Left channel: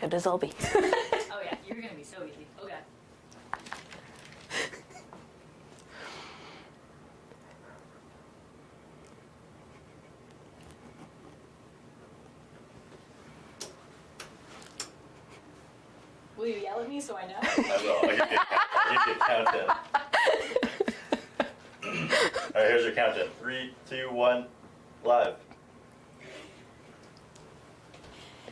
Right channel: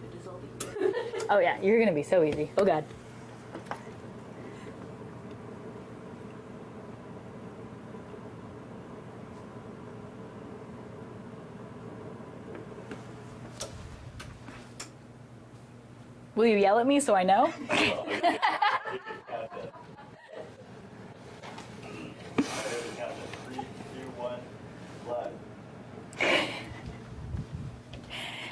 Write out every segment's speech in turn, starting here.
Good as I'll be. Oh yeah, you're gonna be so easy. Oh god. Will you yell at me so I know? I will. You can count it. All right, here's your countdown. 3, 2, 1, live.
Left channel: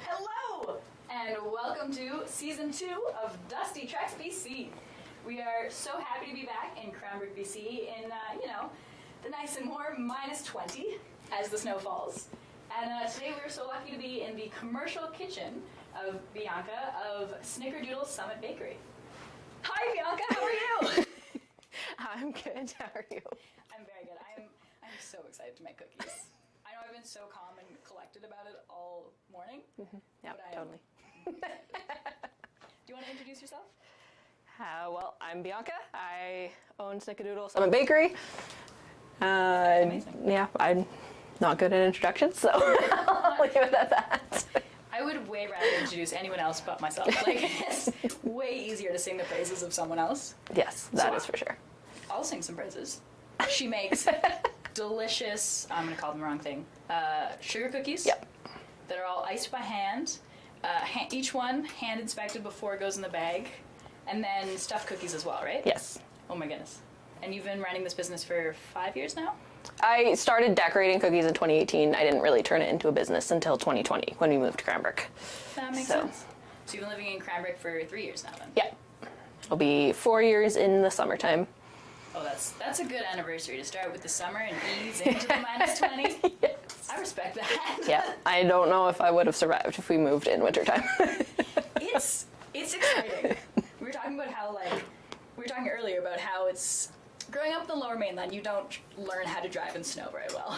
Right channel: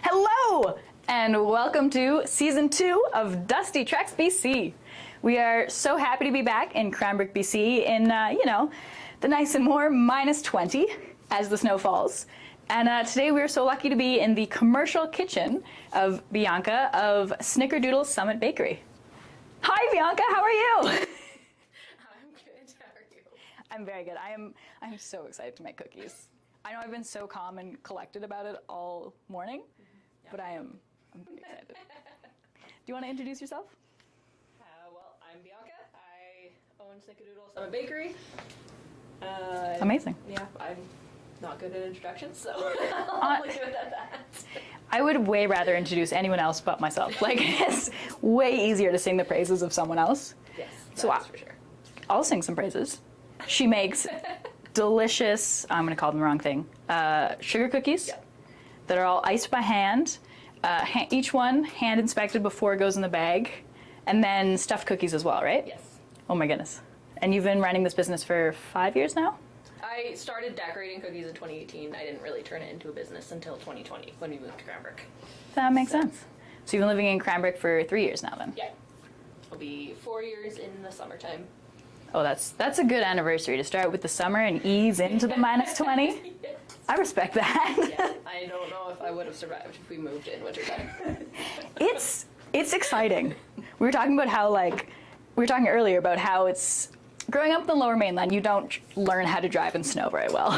Hello, and welcome to Season 2 of Dusty Treks BC. We are so happy to be back in Cranbrook, BC in, the nice and warm -20 as the snow falls. And today we are so lucky to be in the commercial kitchen of Bianca of Snickerdoodle Summit Bakery. Hi Bianca, how are you? I'm good. How are you? I'm very good. I'm so excited to make cookies. I know I've been so calm and collected about it all morning, Yeah, but I'm totally. excited. Do you want to introduce yourself? Well, I'm Bianca. I own Snickerdoodle Summit Bakery. Amazing. Yeah, I'm not good at introductions, so I'll leave it at that. I would way rather introduce anyone else but myself. Like, it's way easier to sing the praises of someone else. Yes, So that's for sure. I'll sing some praises. She makes delicious, I'm going to call them the wrong thing, sugar cookies. Yep. That are all iced by hand. Each one hand inspected before it goes in the bag. And then stuffed cookies as well, right? Yes. Oh my goodness. And you've been running this business for 5 years now? I started decorating cookies in 2018. I didn't really turn it into a business until 2020 when we moved to Cranbrook. That makes So- sense. So you've been living in Cranbrook for 3 years now then? Yeah. It'll be 4 years in the summertime. Oh, that's a good anniversary to start with the summer and ease into the -20. Yes. I respect that. Yeah. I don't know if I would have survived if we moved in wintertime. It's exciting. We were talking about how we were talking earlier about how it's growing up in the Lower Mainland. You don't learn how to drive in snow very well.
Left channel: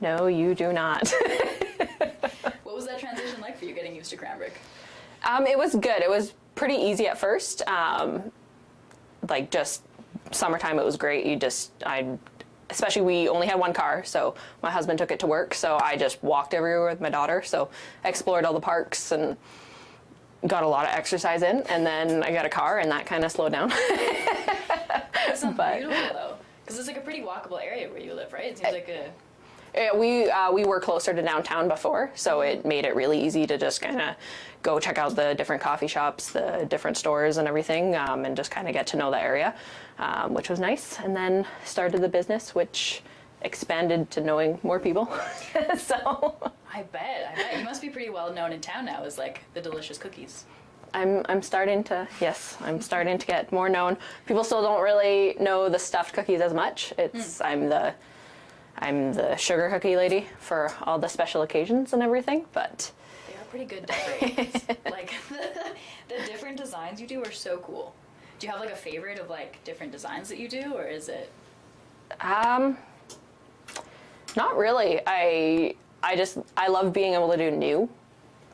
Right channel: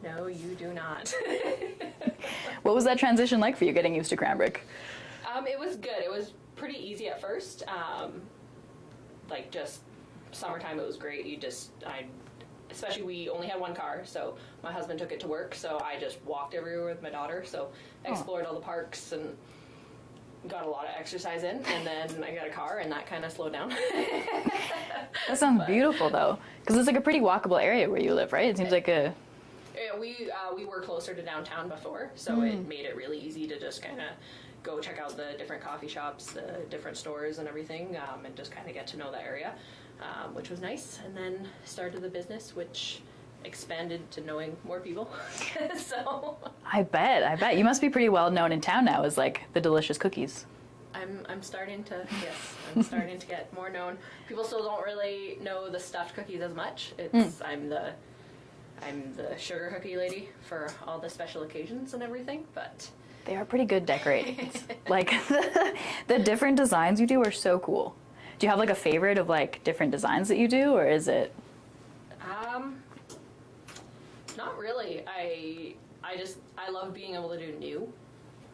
No, you do not. What was that transition like for you, getting used to Cranbrook? It was good. It was pretty easy at first. Just summertime, it was great. Especially we only had one car, so my husband took it to work, so I just walked everywhere with my daughter. So explored all the parks and got a lot of exercise in, and then I got a car, and that kind of slowed down. That sounds beautiful though, because it's like a pretty walkable area where you live, right? It seems like a... We were closer to downtown before, so it made it really easy to just kind of go check out the different coffee shops, the different stores and everything, and just kind of get to know the area, which was nice. And then started the business, which expanded to knowing more people. So I bet. You must be pretty well known in town now as like the delicious cookies. I'm starting to get more known. People still don't really know the stuffed cookies as much. I'm the sugar cookie lady for all the special occasions and everything, but They are pretty good decorations. Like the different designs you do are so cool. Do you have like a favorite of like different designs that you do, or is it? not really. I love being able to do new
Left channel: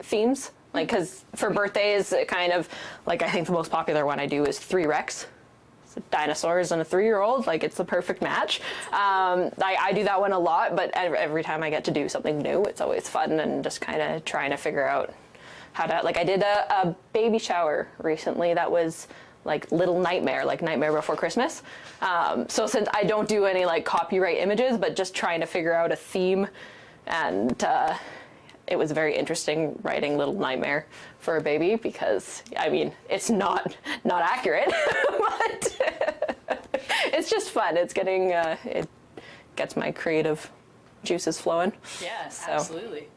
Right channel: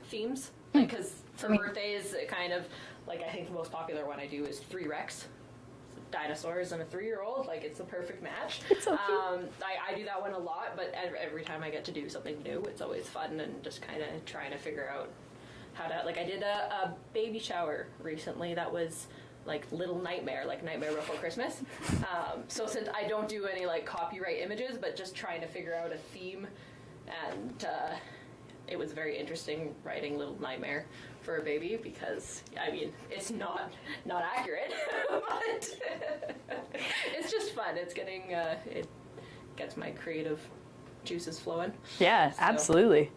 themes. Like, because for birthdays, it kind of, like, I think the most popular one I do is 3 Rex. So dinosaurs and a 3-year-old, like, it's the perfect match. I do that one a lot, but every time I get to do something new, it's always fun and just kind of trying to figure out how to, like, I did a baby shower recently that was like Little Nightmare, like Nightmare Before Christmas. So since I don't do any like copyright images, but just trying to figure out a theme, and it was very interesting writing Little Nightmare for a baby, because I mean it's not accurate, but it's just fun. It's getting it gets my creative juices flowing. Yes, So. absolutely.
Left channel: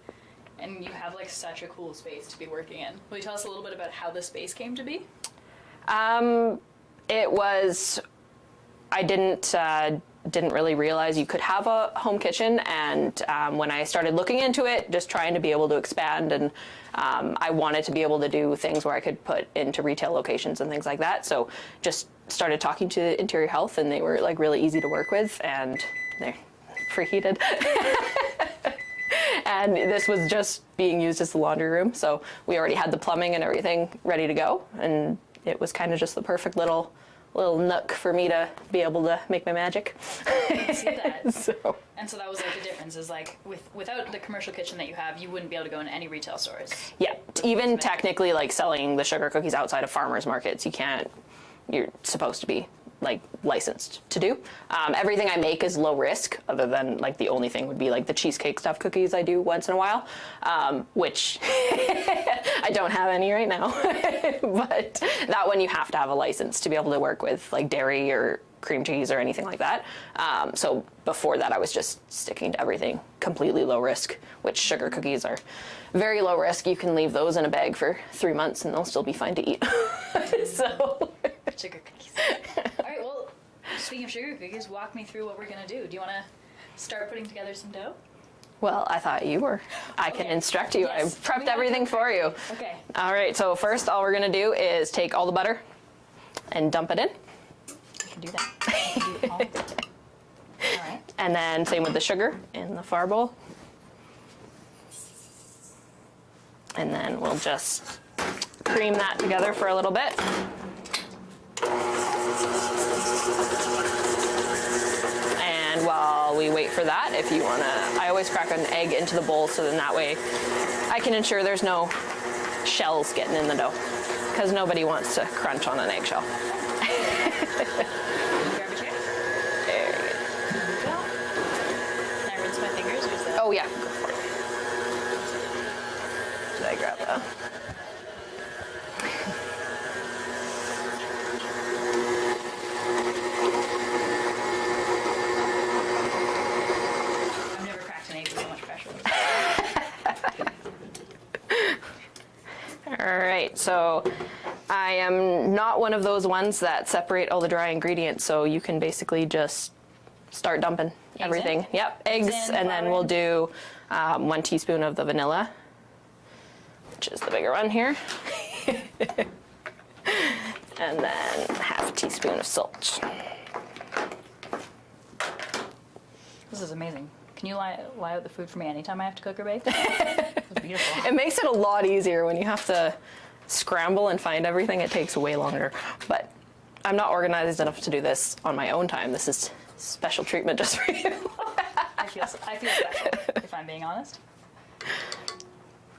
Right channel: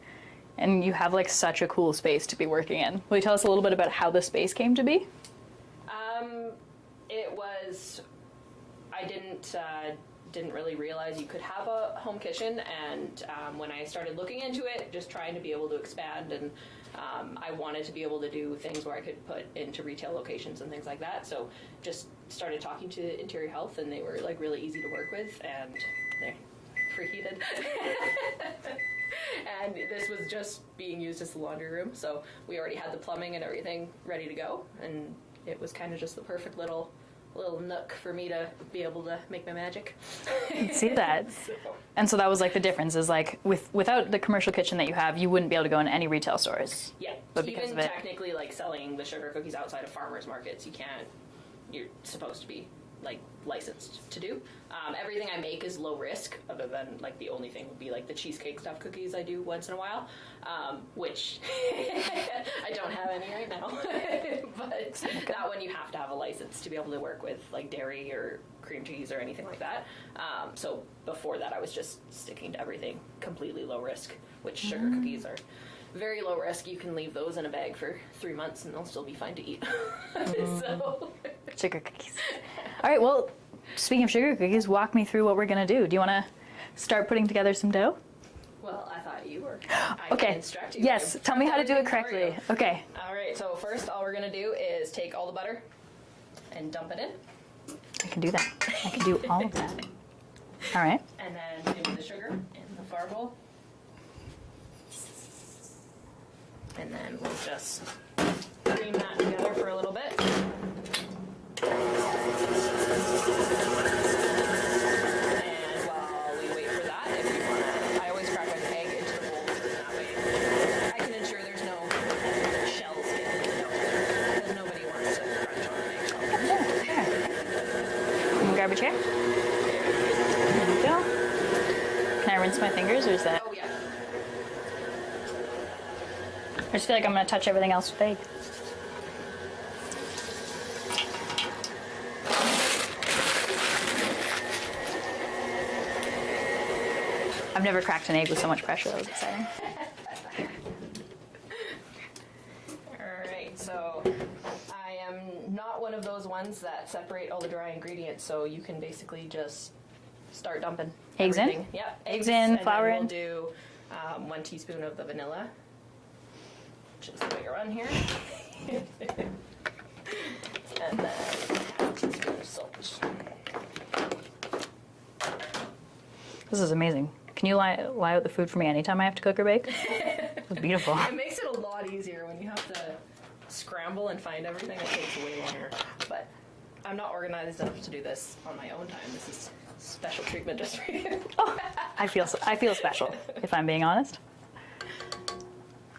And you have like such a cool space to be working in. Will you tell us a little bit about how the space came to be? It was, I didn't really realize you could have a home kitchen, and when I started looking into it, just trying to be able to expand, and I wanted to be able to do things where I could put into retail locations and things like that. So just started talking to Interior Health, and they were like really easy to work with, and they're preheated. And this was just being used as the laundry room, so we already had the plumbing and everything ready to go, and it was kind of just the perfect little nook for me to be able to make my magic. I see that. So. And so that was like the difference is like without the commercial kitchen that you have, you wouldn't be able to go in any retail stores. Yeah, the piece even of it. technically, like selling the sugar cookies outside of farmers markets, you can't. You're supposed to be like licensed to do. Everything I make is low risk, other than like the only thing would be like the cheesecake stuffed cookies I do once in a while, which I don't have any right now. But that one you have to have a license to be able to work with like dairy or cream cheese or anything like that. So before that I was just sticking to everything completely low risk, which sugar cookies are very low risk. You can leave those in a bag for 3 months and they'll still be fine to eat. So Sugar cookies. All right, well, speaking of sugar cookies, walk me through what we're going to do. Do you want to start putting together some dough? well, I thought you were. I Okay. can instruct you. Yes, I've tell me prepped how to do everything it for you. correctly. Okay. All right, so first all we're gonna do is take all the butter and dump it in. I can do that. I can do all of that. All right. And then same with the sugar in the far bowl. And then we'll just cream that together for a little bit. And while we wait for that, if you wanna, I always crack an egg into the bowl so then that way I can ensure there's no shells getting in the dough, because nobody wants to crunch on an eggshell. Grab a chair. There you There you go. Can I rinse my fingers, or is that? go. Oh yeah. I just feel like I'm going to touch everything else with egg. I've never cracked an egg with so much pressure. All right, so I am not one of those ones that separate all the dry ingredients, so you can basically just start dumping Eggs in? everything. Yep, eggs, in, and flour then we'll in? do 1 teaspoon of the vanilla, which is the bigger one here. And then half a teaspoon of salt. This is amazing. Can you lie out the food for me anytime I have to cook or bake? It's beautiful. It makes it a lot easier when you have to scramble and find everything. It takes way longer. But I'm not organized enough to do this on my own time. This is special treatment just for you. I feel special, if I'm being honest.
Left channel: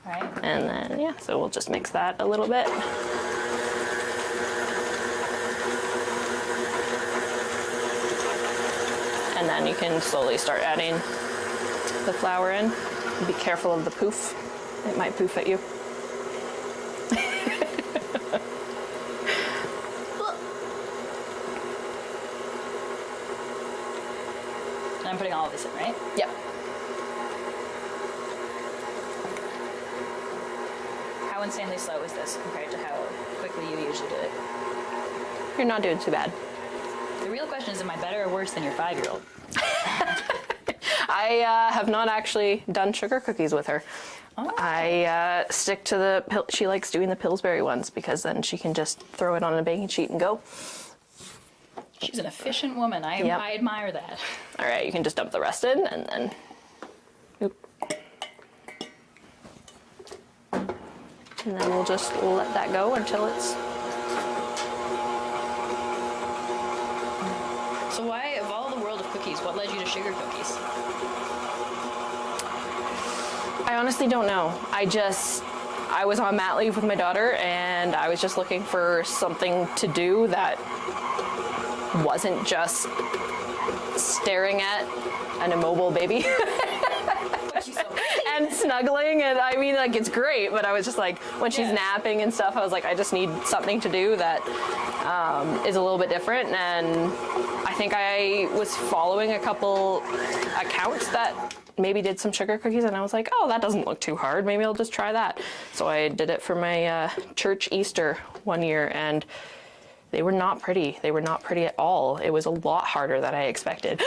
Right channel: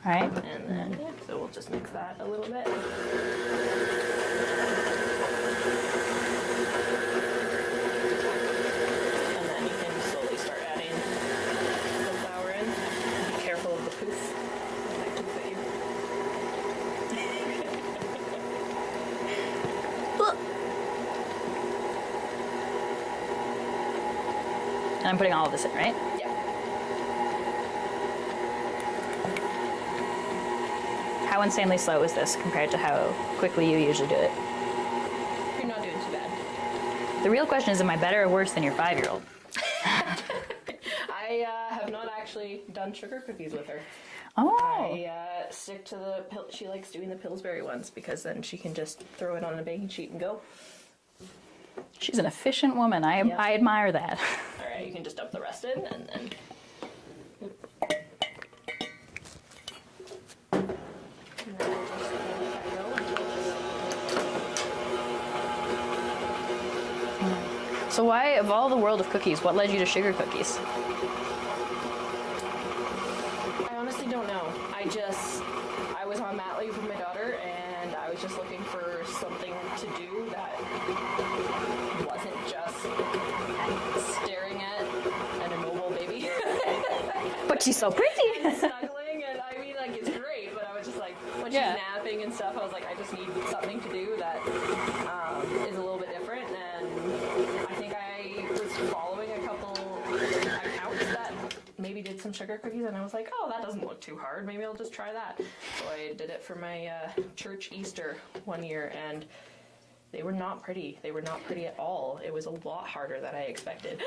All right. And then, yeah, so we'll just mix that a little bit. And then you can slowly start adding the flour in. Be careful of the poof. It might poof at you. And I'm putting all of this in, right? Yep. How insanely slow is this compared to how quickly you usually do it? You're not doing too bad. The real question is, am I better or worse than your 5-year-old? I have not actually done sugar cookies with her. Oh. I stick to the, she likes doing the Pillsbury ones because then she can just throw it on a baking sheet and go. She's an efficient woman. I Yep. admire that. All right, you can just dump the rest in and then, oop. And then we'll just let that go until it's, So why, of all the world of cookies, what led you to sugar cookies? I honestly don't know. I was on mat leave with my daughter and I was just looking for something to do that wasn't just staring at an immobile baby. But she's so pretty. And snuggling, and I mean, like, it's great, but I was just like, when she's Yeah. napping and stuff, I was like, I just need something to do that is a little bit different. And I think I was following a couple accounts that maybe did some sugar cookies, and I was like, oh, that doesn't look too hard. Maybe I'll just try that. So I did it for my church Easter one year, and they were not pretty. They were not pretty at all. It was a lot harder than I expected.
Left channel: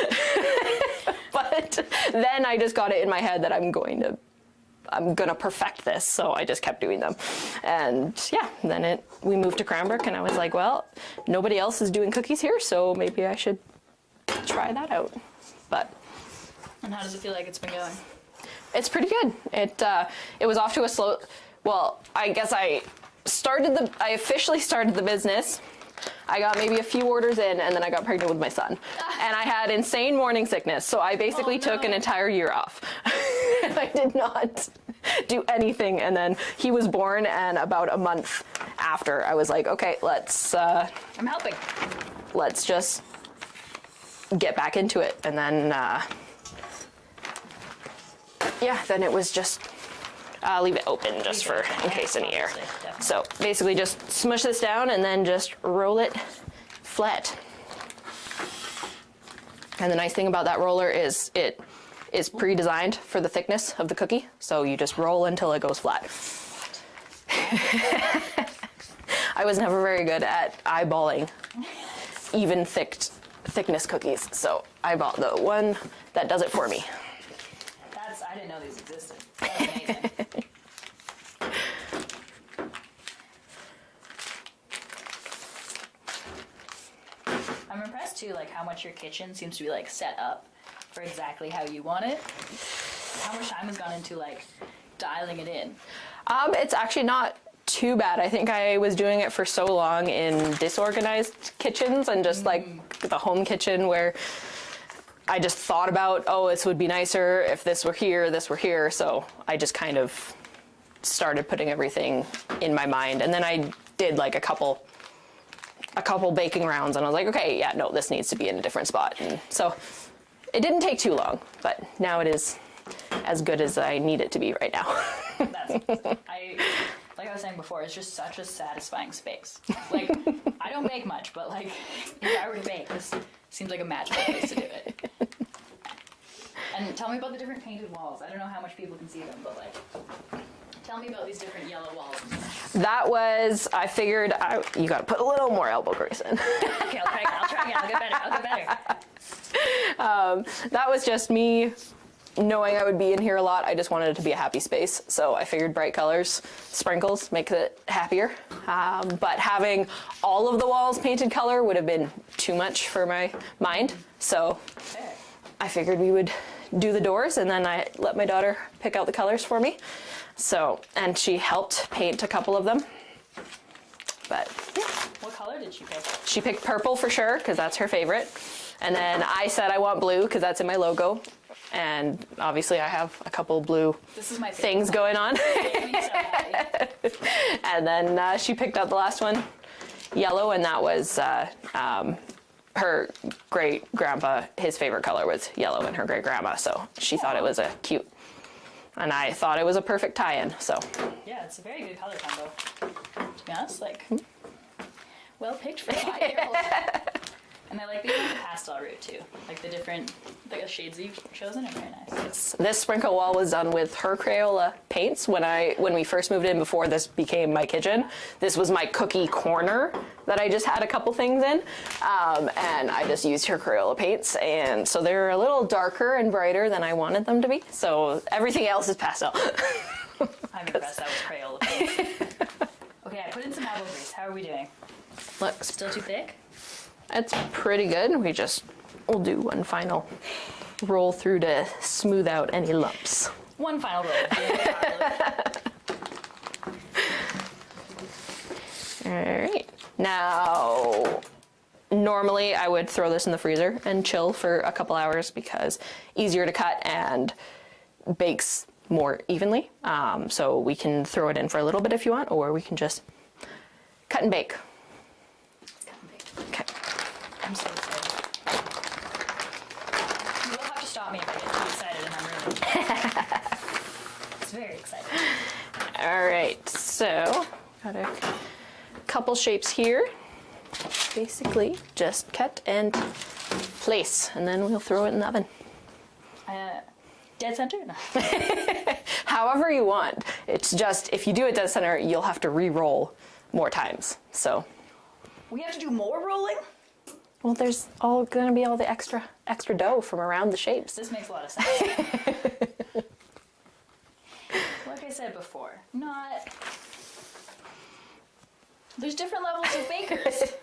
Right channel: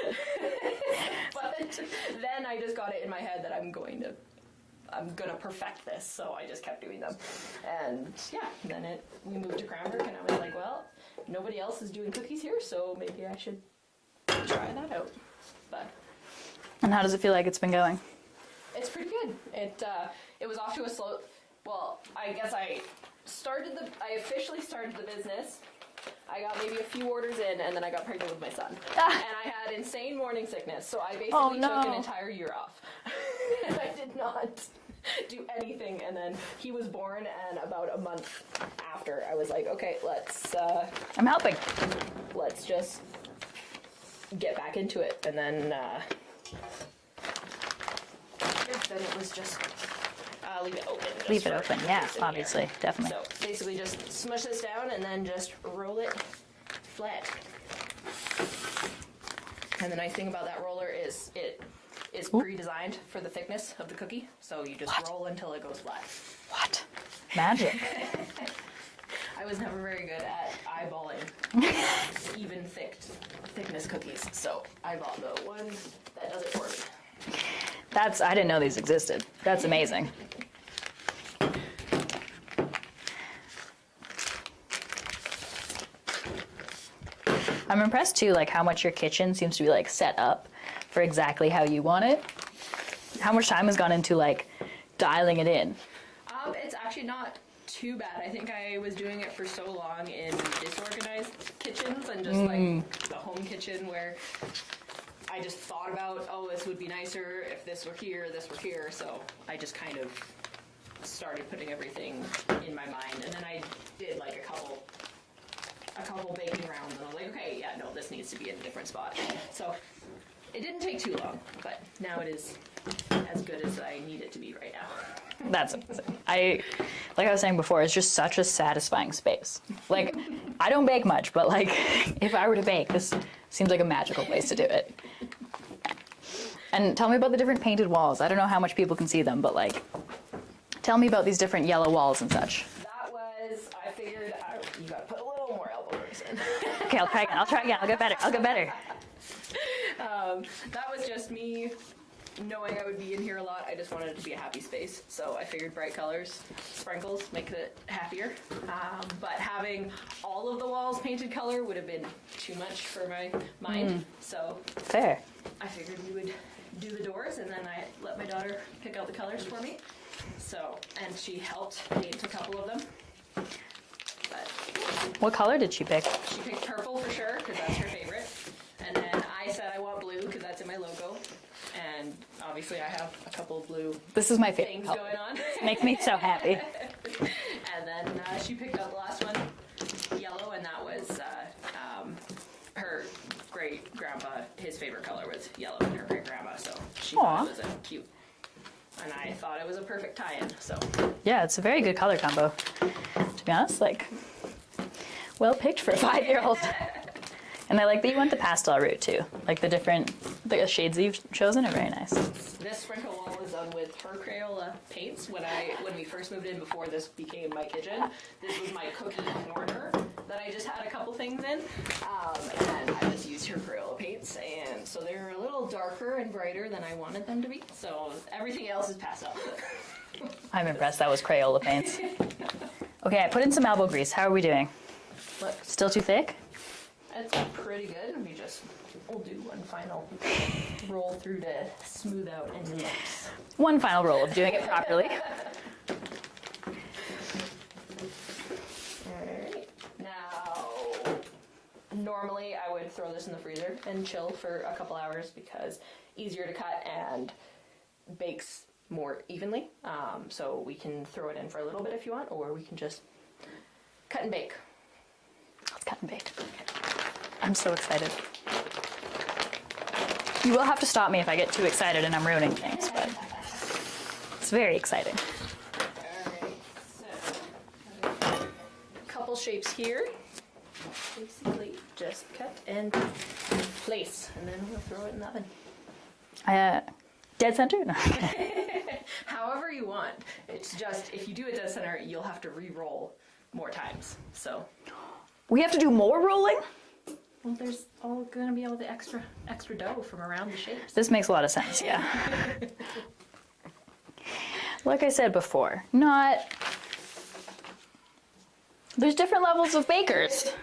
But then I just got it in my head that I'm gonna perfect this, so I just kept doing them. And yeah, then we moved to Cranbrook, and I was like, well, nobody else is doing cookies here, so maybe I should try that out. But And how does it feel like it's been going? it's pretty good. It was off to a slow. Well, I guess I officially started the business. I got maybe a few orders in, and then I got pregnant with my son. And I had insane morning sickness, so I basically took an no. entire year off. And I did not do anything. And then he was born, and about a month after, I was like, okay, I'm helping. let's just get back into it. And then, then it was just, leave it open just for in case any air. Definitely. So basically just smush this down and then just roll it flat. And the nice thing about that roller is it is pre-designed for the thickness of the cookie. So you just roll until it goes flat. What? Magic. I was never very good at eyeballing even thickness cookies. So I bought the one that does it for me. I didn't know these existed. That's amazing. I'm impressed too, like how much your kitchen seems to be like set up for exactly how you want it. How much time has gone into like dialing it in? It's actually not too bad. I think I was doing it for so long in disorganized kitchens and just like the home kitchen where I just thought about, oh, this would be nicer if this were here, this were here. So I just kind of started putting everything in my mind. And then I did like a couple baking rounds and I was like, okay, yeah, no, this needs to be in a different spot. And so it didn't take too long, but now it is as good as I need it to be right now. That's like I was saying before, it's just such a satisfying space. Like, I don't bake much, but like, if I were to bake, this seems like a magical place to do it. And tell me about the different painted walls. I don't know how much people can see them, but like, tell me about these different yellow walls and such. That was, I figured, you gotta put a little more elbow grease in. Okay, I'll try again. I'll get better. That was just me knowing I would be in here a lot. I just wanted it to be a happy space. So I figured bright colors, sprinkles, makes it happier. But having all of the walls painted color would have been too much for my mind. So Fair. I figured we would do the doors and then I let my daughter pick out the colors for me. So, and she helped paint a couple of them. But yeah. What color did she pick? She picked purple for sure, because that's her favorite. And then I said I want blue, because that's in my logo. And obviously I have a couple blue This is my favorite things color. going on. Makes me so happy. And then she picked out the last one, yellow, and that was her great grandpa. His favorite color was yellow, and her great grandma. So she thought it was a cute, and I thought it was a perfect tie-in. So Yeah, it's a very good color combo. To be honest, like, well picked for a 5-year-old. And I like that you went the pastel route too. Like the shades that you've chosen are very nice. this sprinkle wall was done with her Crayola paints. When we first moved in, before this became my kitchen, this was my cookie corner that I just had a couple things in, and I just used her Crayola paints, and so they're a little darker and brighter than I wanted them to be. So everything else is pastel. I'm impressed that was Crayola paints. Okay, I put in some elbow grease. How are we doing? Look, still too thick? It's pretty good. We'll do one final roll through to smooth out any lumps. One final roll of doing it properly. All right. Now, normally I would throw this in the freezer and chill for a couple hours because easier to cut and bakes more evenly. So we can throw it in for a little bit if you want, or we can just cut and bake. Let's cut and bake. Okay. I'm so excited. You will have to stop me if I get too excited and I'm ruining things. It's very exciting. All right. So, got a couple shapes here. Basically, just cut and place, and then we'll throw it in the oven. Dead center? No. However you want. It's just, if you do it dead center, you'll have to re-roll more times. So, We have to do more rolling? well, there's going to be all the extra dough from around the shapes. This makes a lot of sense, yeah. Like I said before, there's different levels of bakers.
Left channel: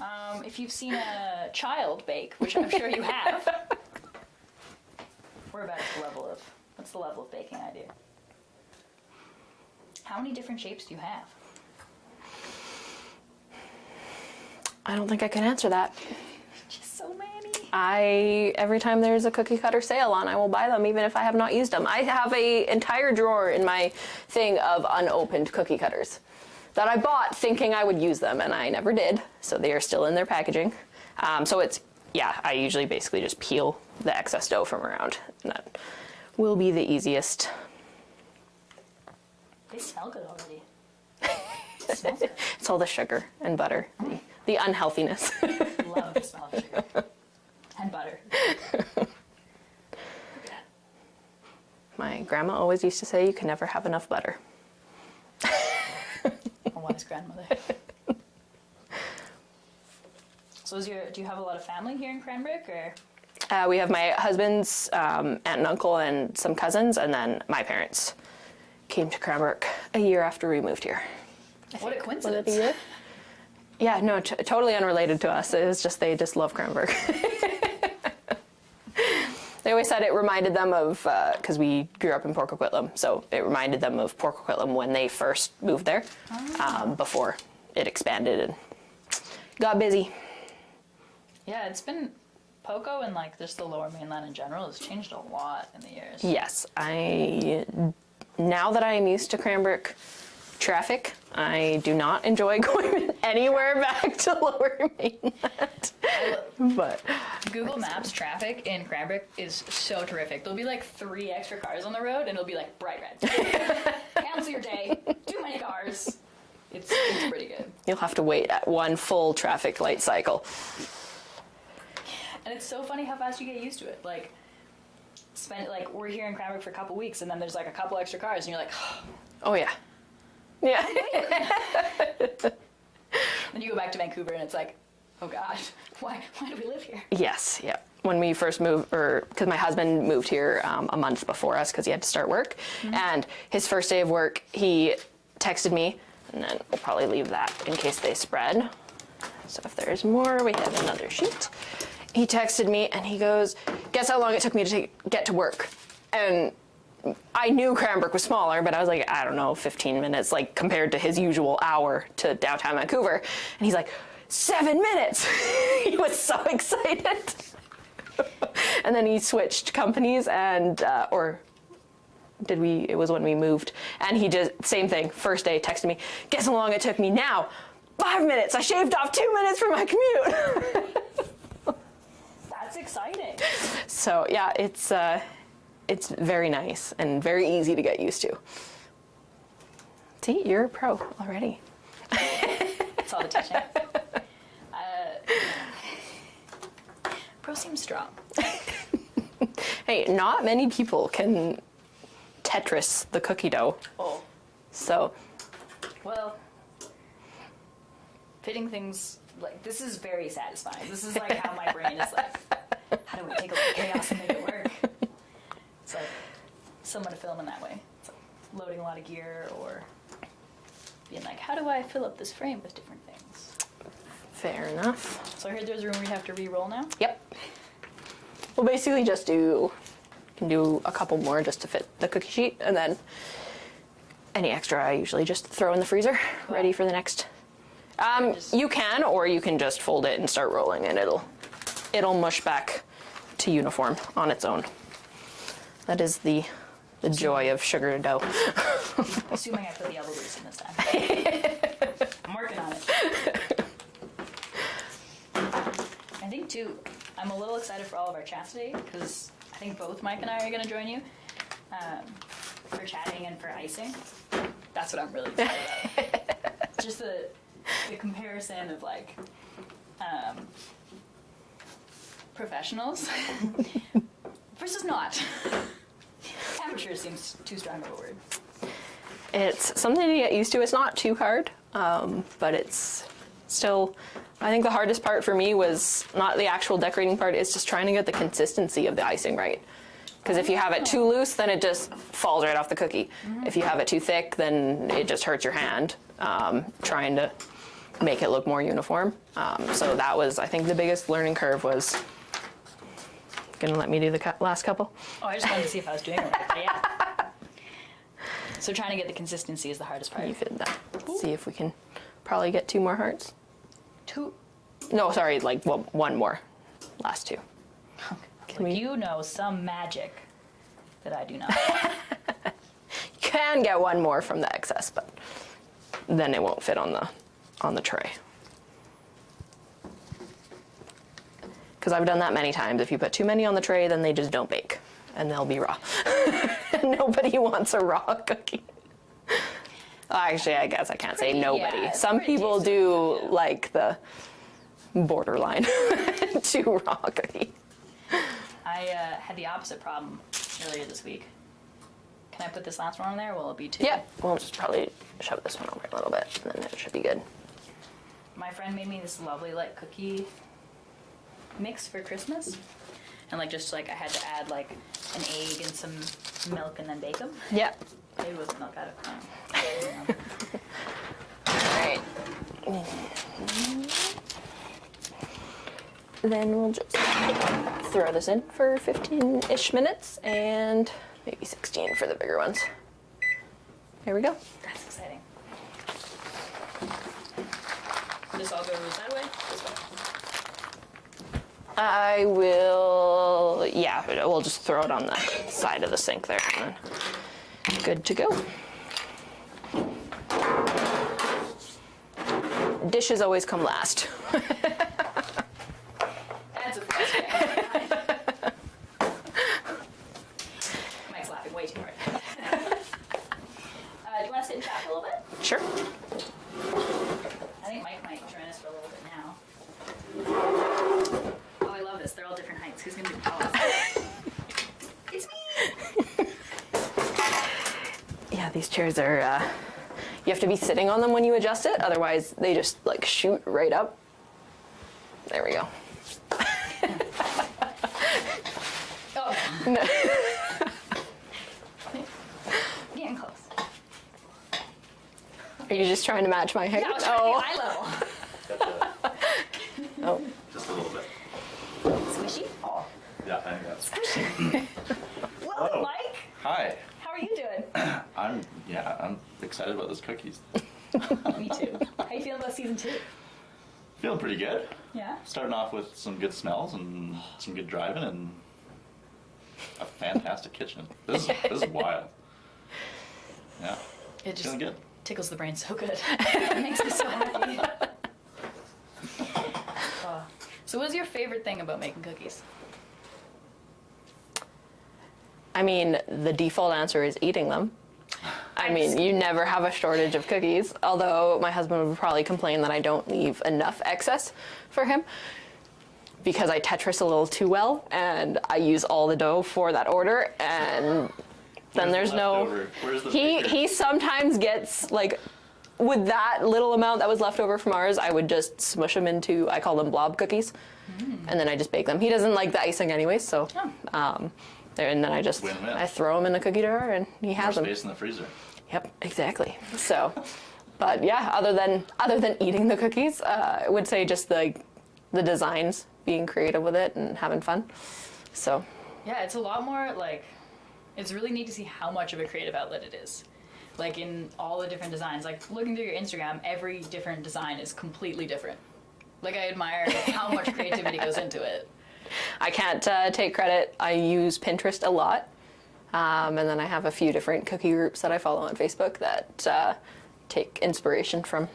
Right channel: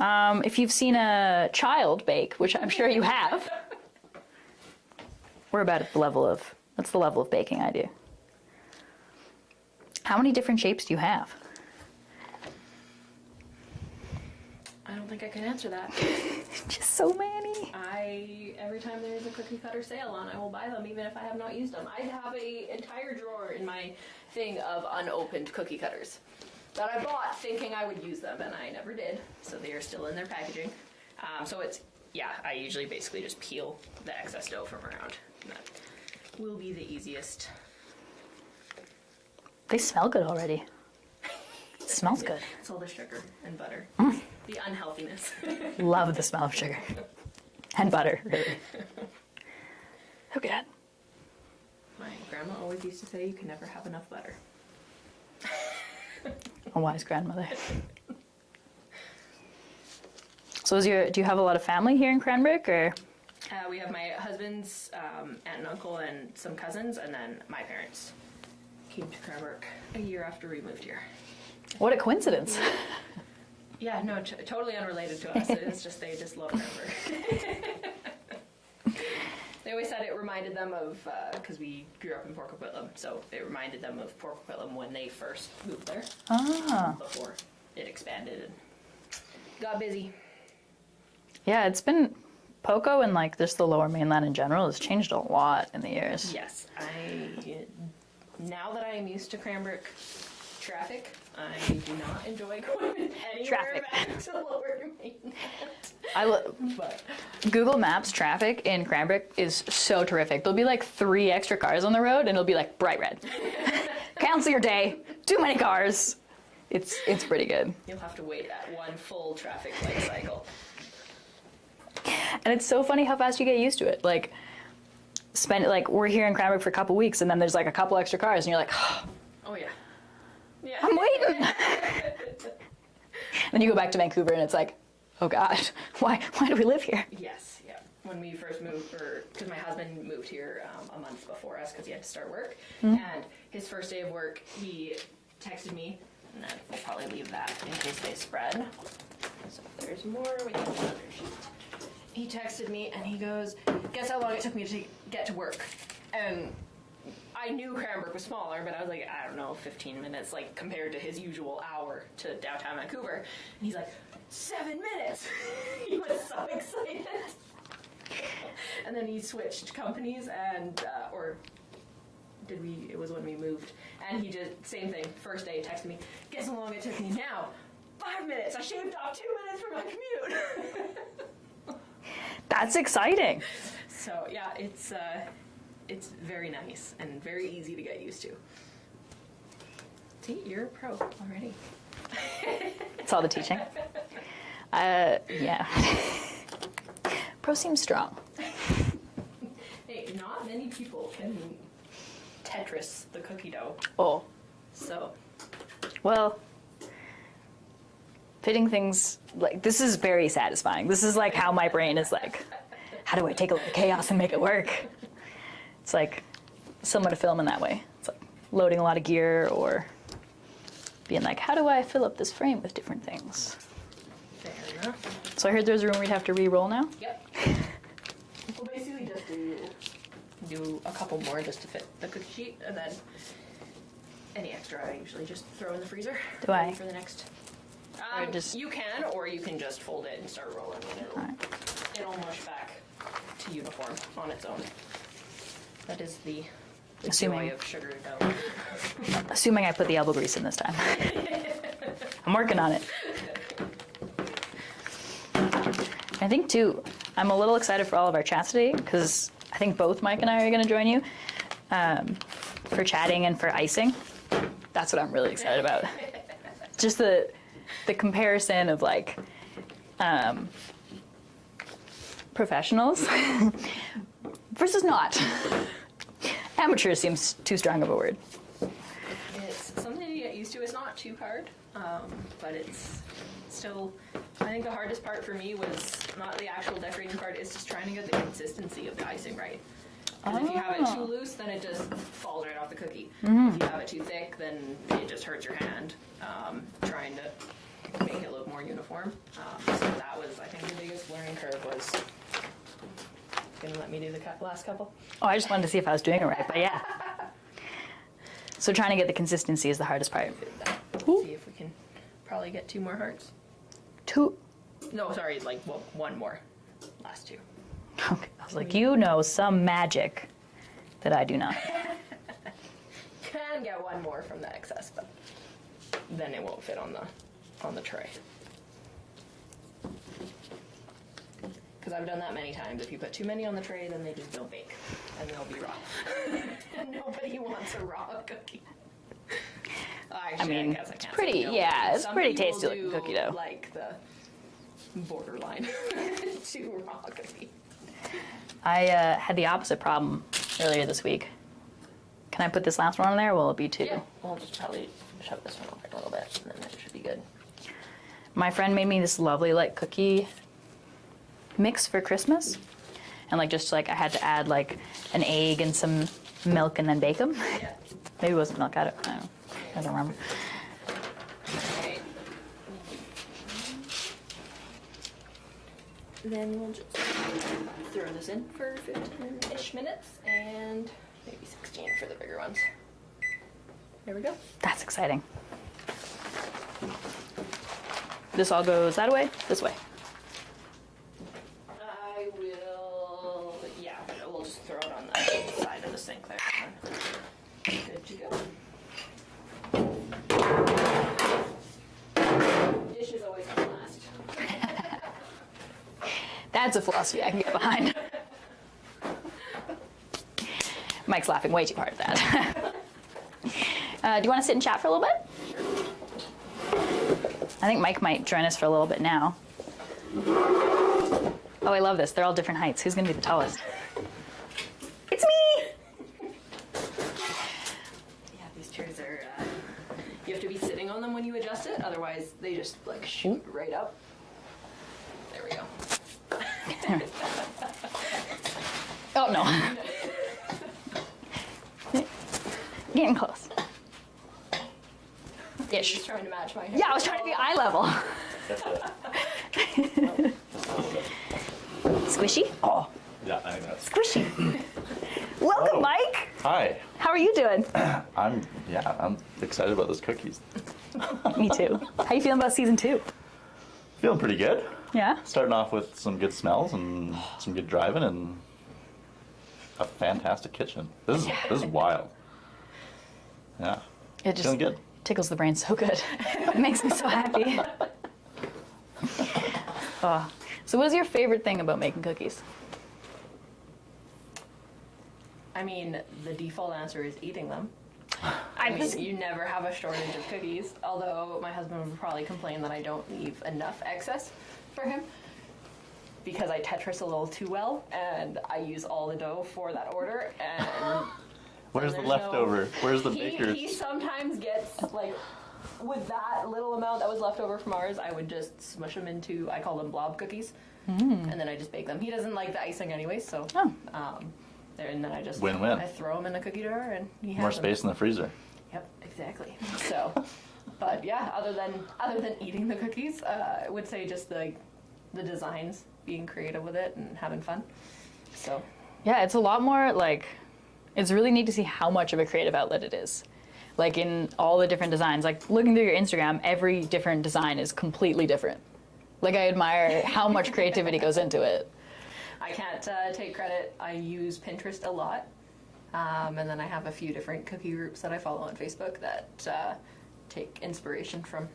If you've seen a child bake, which I'm sure you have, we're about at the level of, that's the level of baking I do. How many different shapes do you have? I don't think I can answer that. Just so many. Every time there's a cookie cutter sale on, I will buy them even if I have not used them. I have a entire drawer in my thing of unopened cookie cutters that I bought thinking I would use them, and I never did. So they are still in their packaging. So it's, yeah, I usually basically just peel the excess dough from around. And that will be the easiest. They smell good already. It smells good. It's all the sugar and butter. The unhealthiness. Love the smell of sugar. And butter. Look at that. My grandma always used to say you can never have enough butter. A wise grandmother. So do you have a lot of family here in Cranbrook, or? We have my husband's aunt and uncle and some cousins, and then my parents came to Cranbrook a year after we moved here. What a coincidence. Yeah, no, totally unrelated to us. It was just they just love Cranbrook. They always said it reminded them of, because we grew up in Port Coquitlam, so it reminded them of Port Coquitlam when they first moved there, before it expanded and got busy. Yeah, it's been Poco and like just the Lower Mainland in general has changed a lot in the years. Yes, now that I am used to Cranbrook traffic, I do not enjoy going anywhere back to Lower Mainland. But Google Maps traffic in Cranbrook is so terrific. There'll be like 3 extra cars on the road and it'll be like bright red. Cancel your day. Too many cars. It's pretty good. You'll have to wait at one full traffic light cycle. And it's so funny how fast you get used to it. Like, we're here in Cranbrook for a couple weeks and then there's like a couple extra cars and you're like, Oh yeah. Yeah. I'm waiting. Then you go back to Vancouver and it's like, oh God, why do we live here? Yes, yeah. When we first moved, because my husband moved here a month before us because he had to start work. And his first day of work, he texted me, and then we'll probably leave that in case they spread. So if there's more, we have another sheet. He texted me and he goes, guess how long it took me to get to work? And I knew Cranbrook was smaller, but I was like, I don't know, 15 minutes, like compared to his usual hour to downtown Vancouver. And he's like, 7 minutes. He was so excited. And then he switched companies and, it was when we moved. And he just, same thing, first day texted me, guess how long it took me now? 5 minutes. I shaved off 2 minutes from my commute. That's exciting. So yeah, it's very nice and very easy to get used to. See, you're a pro already. It's all the teaching. Yeah. Pro seems strong. Hey, not many people can Tetris the cookie dough. Oh. So, Well, fitting things, like, this is very satisfying. This is like how my brain is like, how do I take a little chaos and make it work? It's like somewhat a film in that way. It's like loading a lot of gear or being like, how do I fill up this frame with different things? fair enough. So I heard there's a room where you have to re-roll now? Yep. We'll basically just do a couple more just to fit the cookie sheet, and then any extra I usually just throw in the freezer, ready for the next. You can, or you can just fold it and start rolling, and it'll mush back to uniform on its own. That is the joy of sugar dough. Assuming I put the elbow grease in this time. I'm working on it. I think, too, I'm a little excited for all of our chats today, because I think both Mike and I are going to join you for chatting and for icing. That's what I'm really excited about. Just the comparison of, like, professionals versus not. Amateur seems too strong of a word. It's something to get used to. It's not too hard, but it's still, I think the hardest part for me was not the actual decorating part, it's just trying to get the consistency of the icing right. Because if you have it too loose, then it just falls right off the cookie. Mm-hmm. If you have it too thick, then it just hurts your hand trying to make it look more uniform. So that was, I think, the biggest learning curve was, gonna let me do the last couple? Oh, I just wanted to see if I was doing it right, but yeah. So trying to get the consistency is the hardest part. See if we can probably get 2 more hearts. 2? No, sorry, like one more. Last 2. Like, you know some magic that I do not. You can get one more from the excess, but then it won't fit on the tray. Because I've done that many times. If you put too many on the tray, then they just don't bake, and they'll be raw. Nobody wants a raw cookie. Actually, I guess I can't say nobody. yeah, it's Some pretty people tasty do cookie dough. like the borderline too raw cookie. I had the opposite problem earlier this week. Can I put this last one on there? Will it be too? Yeah, we'll just probably shove this one over a little bit, and then it should be good. My friend made me this lovely like cookie mix for Christmas, and like just like I had to add like an egg and some milk and then bake them. Yeah. Maybe it was milk. I don't remember. All right. Then we'll just throw this in for 15-ish minutes and maybe 16 for the bigger ones. Here we go. That's exciting. This all goes that way, this way. I will, yeah, we'll just throw it on the side of the sink there and then good to go. Dishes always come last. That's a philosophy I can get behind. Mike's laughing way too hard at that. Do you want to sit and chat for a little bit? Sure. I think Mike might join us for a little bit now. Oh, I love this. They're all different heights. Who's going to be the tallest? It's me! Yeah, these chairs are, you have to be sitting on them when you adjust it, otherwise they just like shoot right up. There we go. Oh, no. Getting close. Are you just trying to match my height? Yeah, I was trying to get eye level. Oh. Just a little bit. Squishy? Oh, Yeah, I think that's. squishy. Welcome, Oh. Mike. Hi. How are you doing? I'm excited about those cookies. Me too. How you feeling about season 2? Feeling pretty good. Yeah? Starting off with some good smells and some good driving and a fantastic kitchen. This is wild. Yeah. It just Feeling good. tickles the brain so good. It makes me so happy. So what is your favorite thing about making cookies? I mean, the default answer is eating them. I mean, you never have a shortage of cookies, although my husband would probably complain that I don't leave enough excess for him because I Tetris a little too well and I use all the dough for that order and then there's leftover? Where's the baker's? he sometimes gets like with that little amount that was left over from ours, I would just smush them into, I call them blob cookies, and then I just bake them. He doesn't like the icing anyway, so and then I just Win-win. I throw them in a cookie jar and he More has them. space in the freezer. Yep, exactly. So, but yeah, other than eating the cookies, I would say just the designs, being creative with it and having fun. So, Yeah, it's a lot more like, it's really neat to see how much of a creative outlet it is. Like in all the different designs, like looking through your Instagram, every different design is completely different. Like I admire how much creativity goes into it. I can't take credit. I use Pinterest a lot. And then I have a few different cookie groups that I follow on Facebook that take inspiration from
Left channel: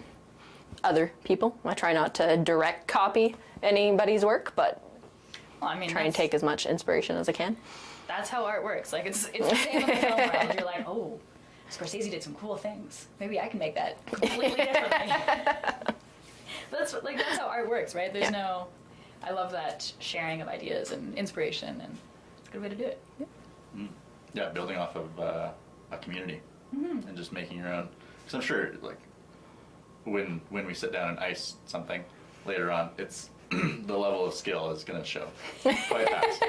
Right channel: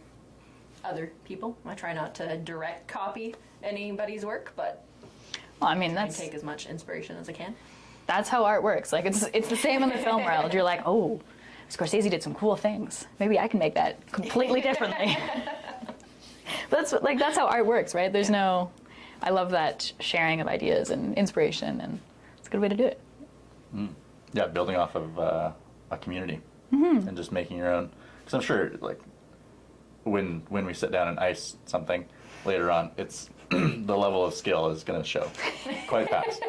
other people. I try not to direct copy anybody's work, but Well, I mean, try and take as much inspiration as I can. that's how art works. Like it's the same in the film world. You're like, oh, Scorsese did some cool things. Maybe I can make that completely differently. But that's how art works, right? There's no. I love that sharing of ideas and inspiration, and it's a good way to do it. Yeah, building off of a community and just making your own. Because I'm sure, like, when we sit down and ice something later on, it's the level of skill is going to show quite fast.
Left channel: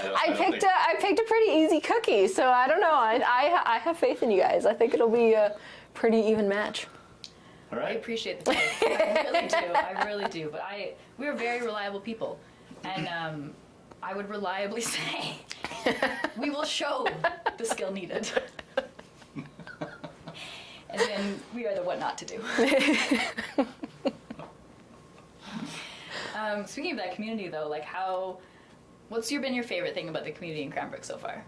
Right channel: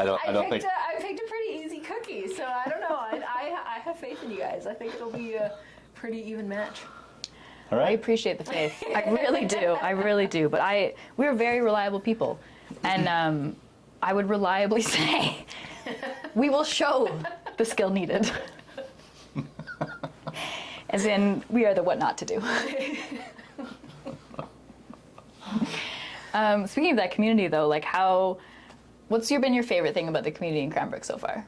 I picked a pretty easy cookie, so I don't know. I have faith in you guys. I think it'll be a pretty even match. All I right. appreciate the faith. I really do. I really do. But we're very reliable people, and I would reliably say we will show the skill needed. As in, we are the what not to do. Speaking of that community, though, like what's What's been your favorite thing about the community in Cranbrook so far?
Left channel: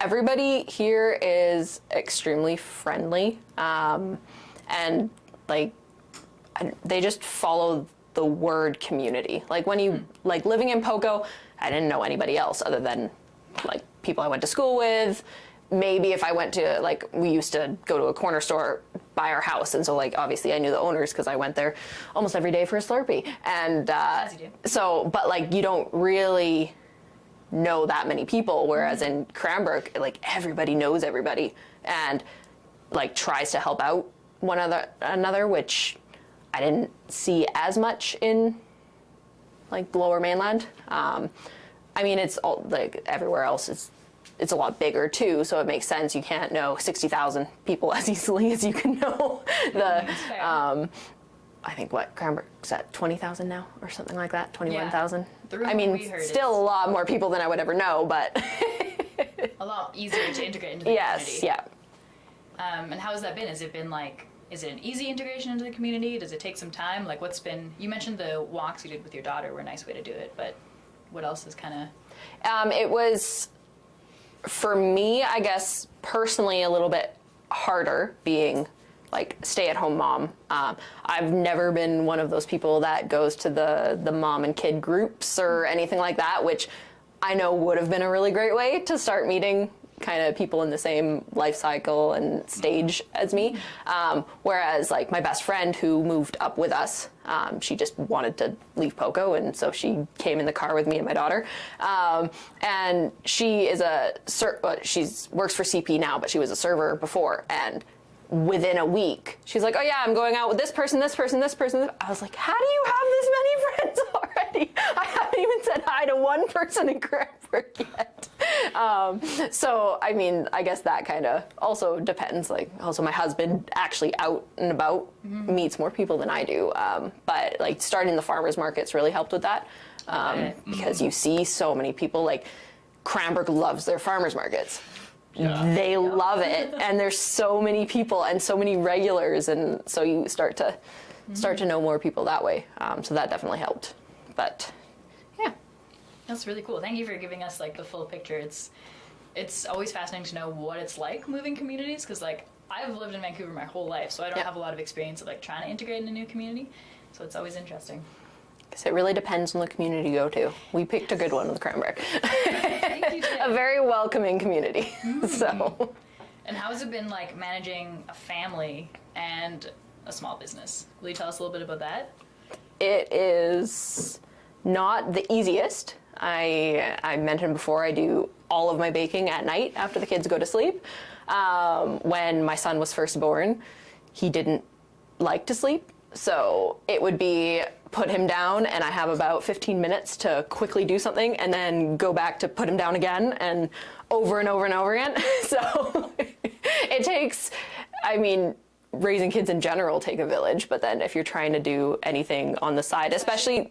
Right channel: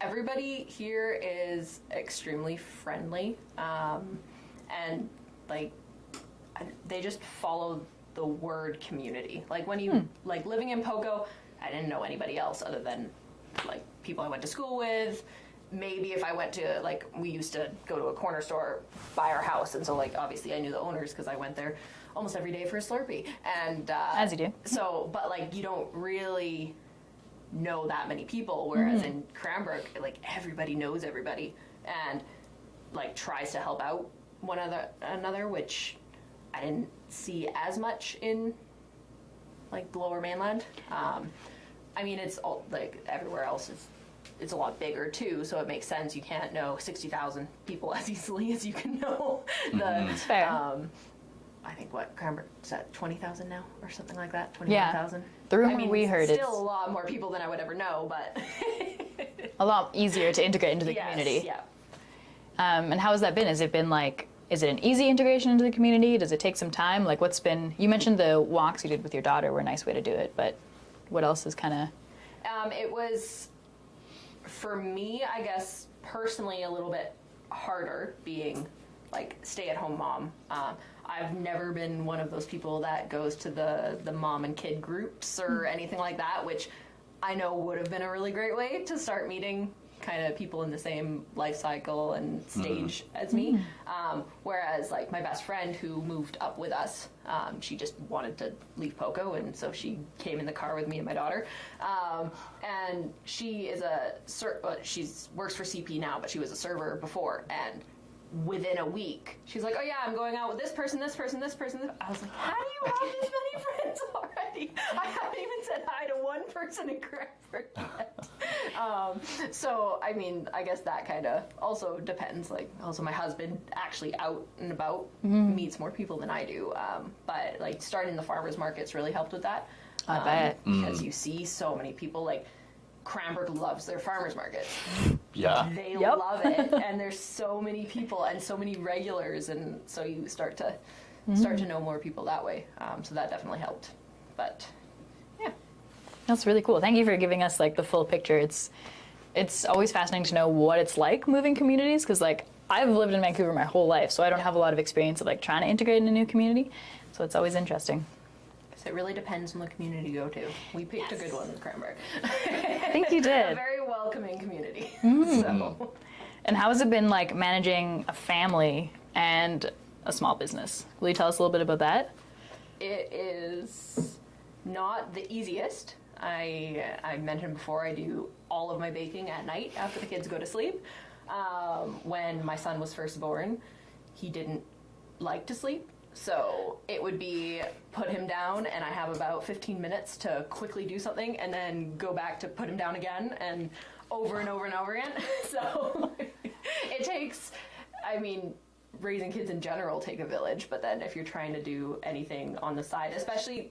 Everybody here is extremely friendly, and like they just follow the word community. Like when you like living in Poco, I didn't know anybody else other than like people I went to school with. Maybe if I went to, like, we used to go to a corner store by our house, and so like obviously I knew the owners because I went there almost every day for a Slurpee. And as you do. So, but like you don't really know that many people, whereas in Cranbrook, like everybody knows everybody and like tries to help out one another, which I didn't see as much in like the Lower Mainland. I mean, it's all like everywhere else. It's a lot bigger too, so it makes sense. You can't know 60,000 people as easily as you can know the. Fair. I think Cranbrook's at 20,000 now, or something like that. 21,000. The rumor I mean, we heard still is a lot more people than I would ever know, but a lot easier to integrate into the community. yeah. And how has that been? Has it been like, is it an easy integration into the community? Does it take some time? Like, what's been? You mentioned the walks you did with your daughter were a nice way to do it, but what else is kind of? It was, for me, I guess personally, a little bit harder being like stay-at-home mom. I've never been one of those people that goes to the mom and kid groups or anything like that, which I know would have been a really great way to start meeting kind of people in the same life cycle and stage as me. Whereas like my best friend who moved up with us, she just wanted to leave Poco, and so she came in the car with me and my daughter. And she is works for CP now, but she was a server before, and within a week, she's like, oh yeah, I'm going out with this person, this person, this person. I was like, how do you have this many friends already? I haven't even said hi to one person in Cranbrook yet. So, I mean, I guess that kind of also depends. Like, also my husband actually out and about meets more people than I do. But like starting the farmers markets really helped with that. Because you see so many people, like Cranbrook loves their farmers markets. Yeah. They love it, and there's so many people and so many regulars, and so you start to know more people that way. So that definitely helped. But yeah, That's really cool. Thank you for giving us like the full picture. It's always fascinating to know what it's like moving communities, because like I've lived in Vancouver my whole life, so I don't have a lot of experience of like trying to integrate in a new community. So it's always interesting. Because it really depends on the community you go to. We picked a good one with Cranbrook. I think you did. A very welcoming community. So. And how has it been like managing a family and a small business? Will you tell us a little bit about that? It is not the easiest. I mentioned before, I do all of my baking at night after the kids go to sleep. When my son was first born, he didn't like to sleep. So it would be put him down, and I have about 15 minutes to quickly do something and then go back to put him down again, and over and over and over again. So it takes, I mean, raising kids in general take a village, but then if you're trying to do anything on the side, especially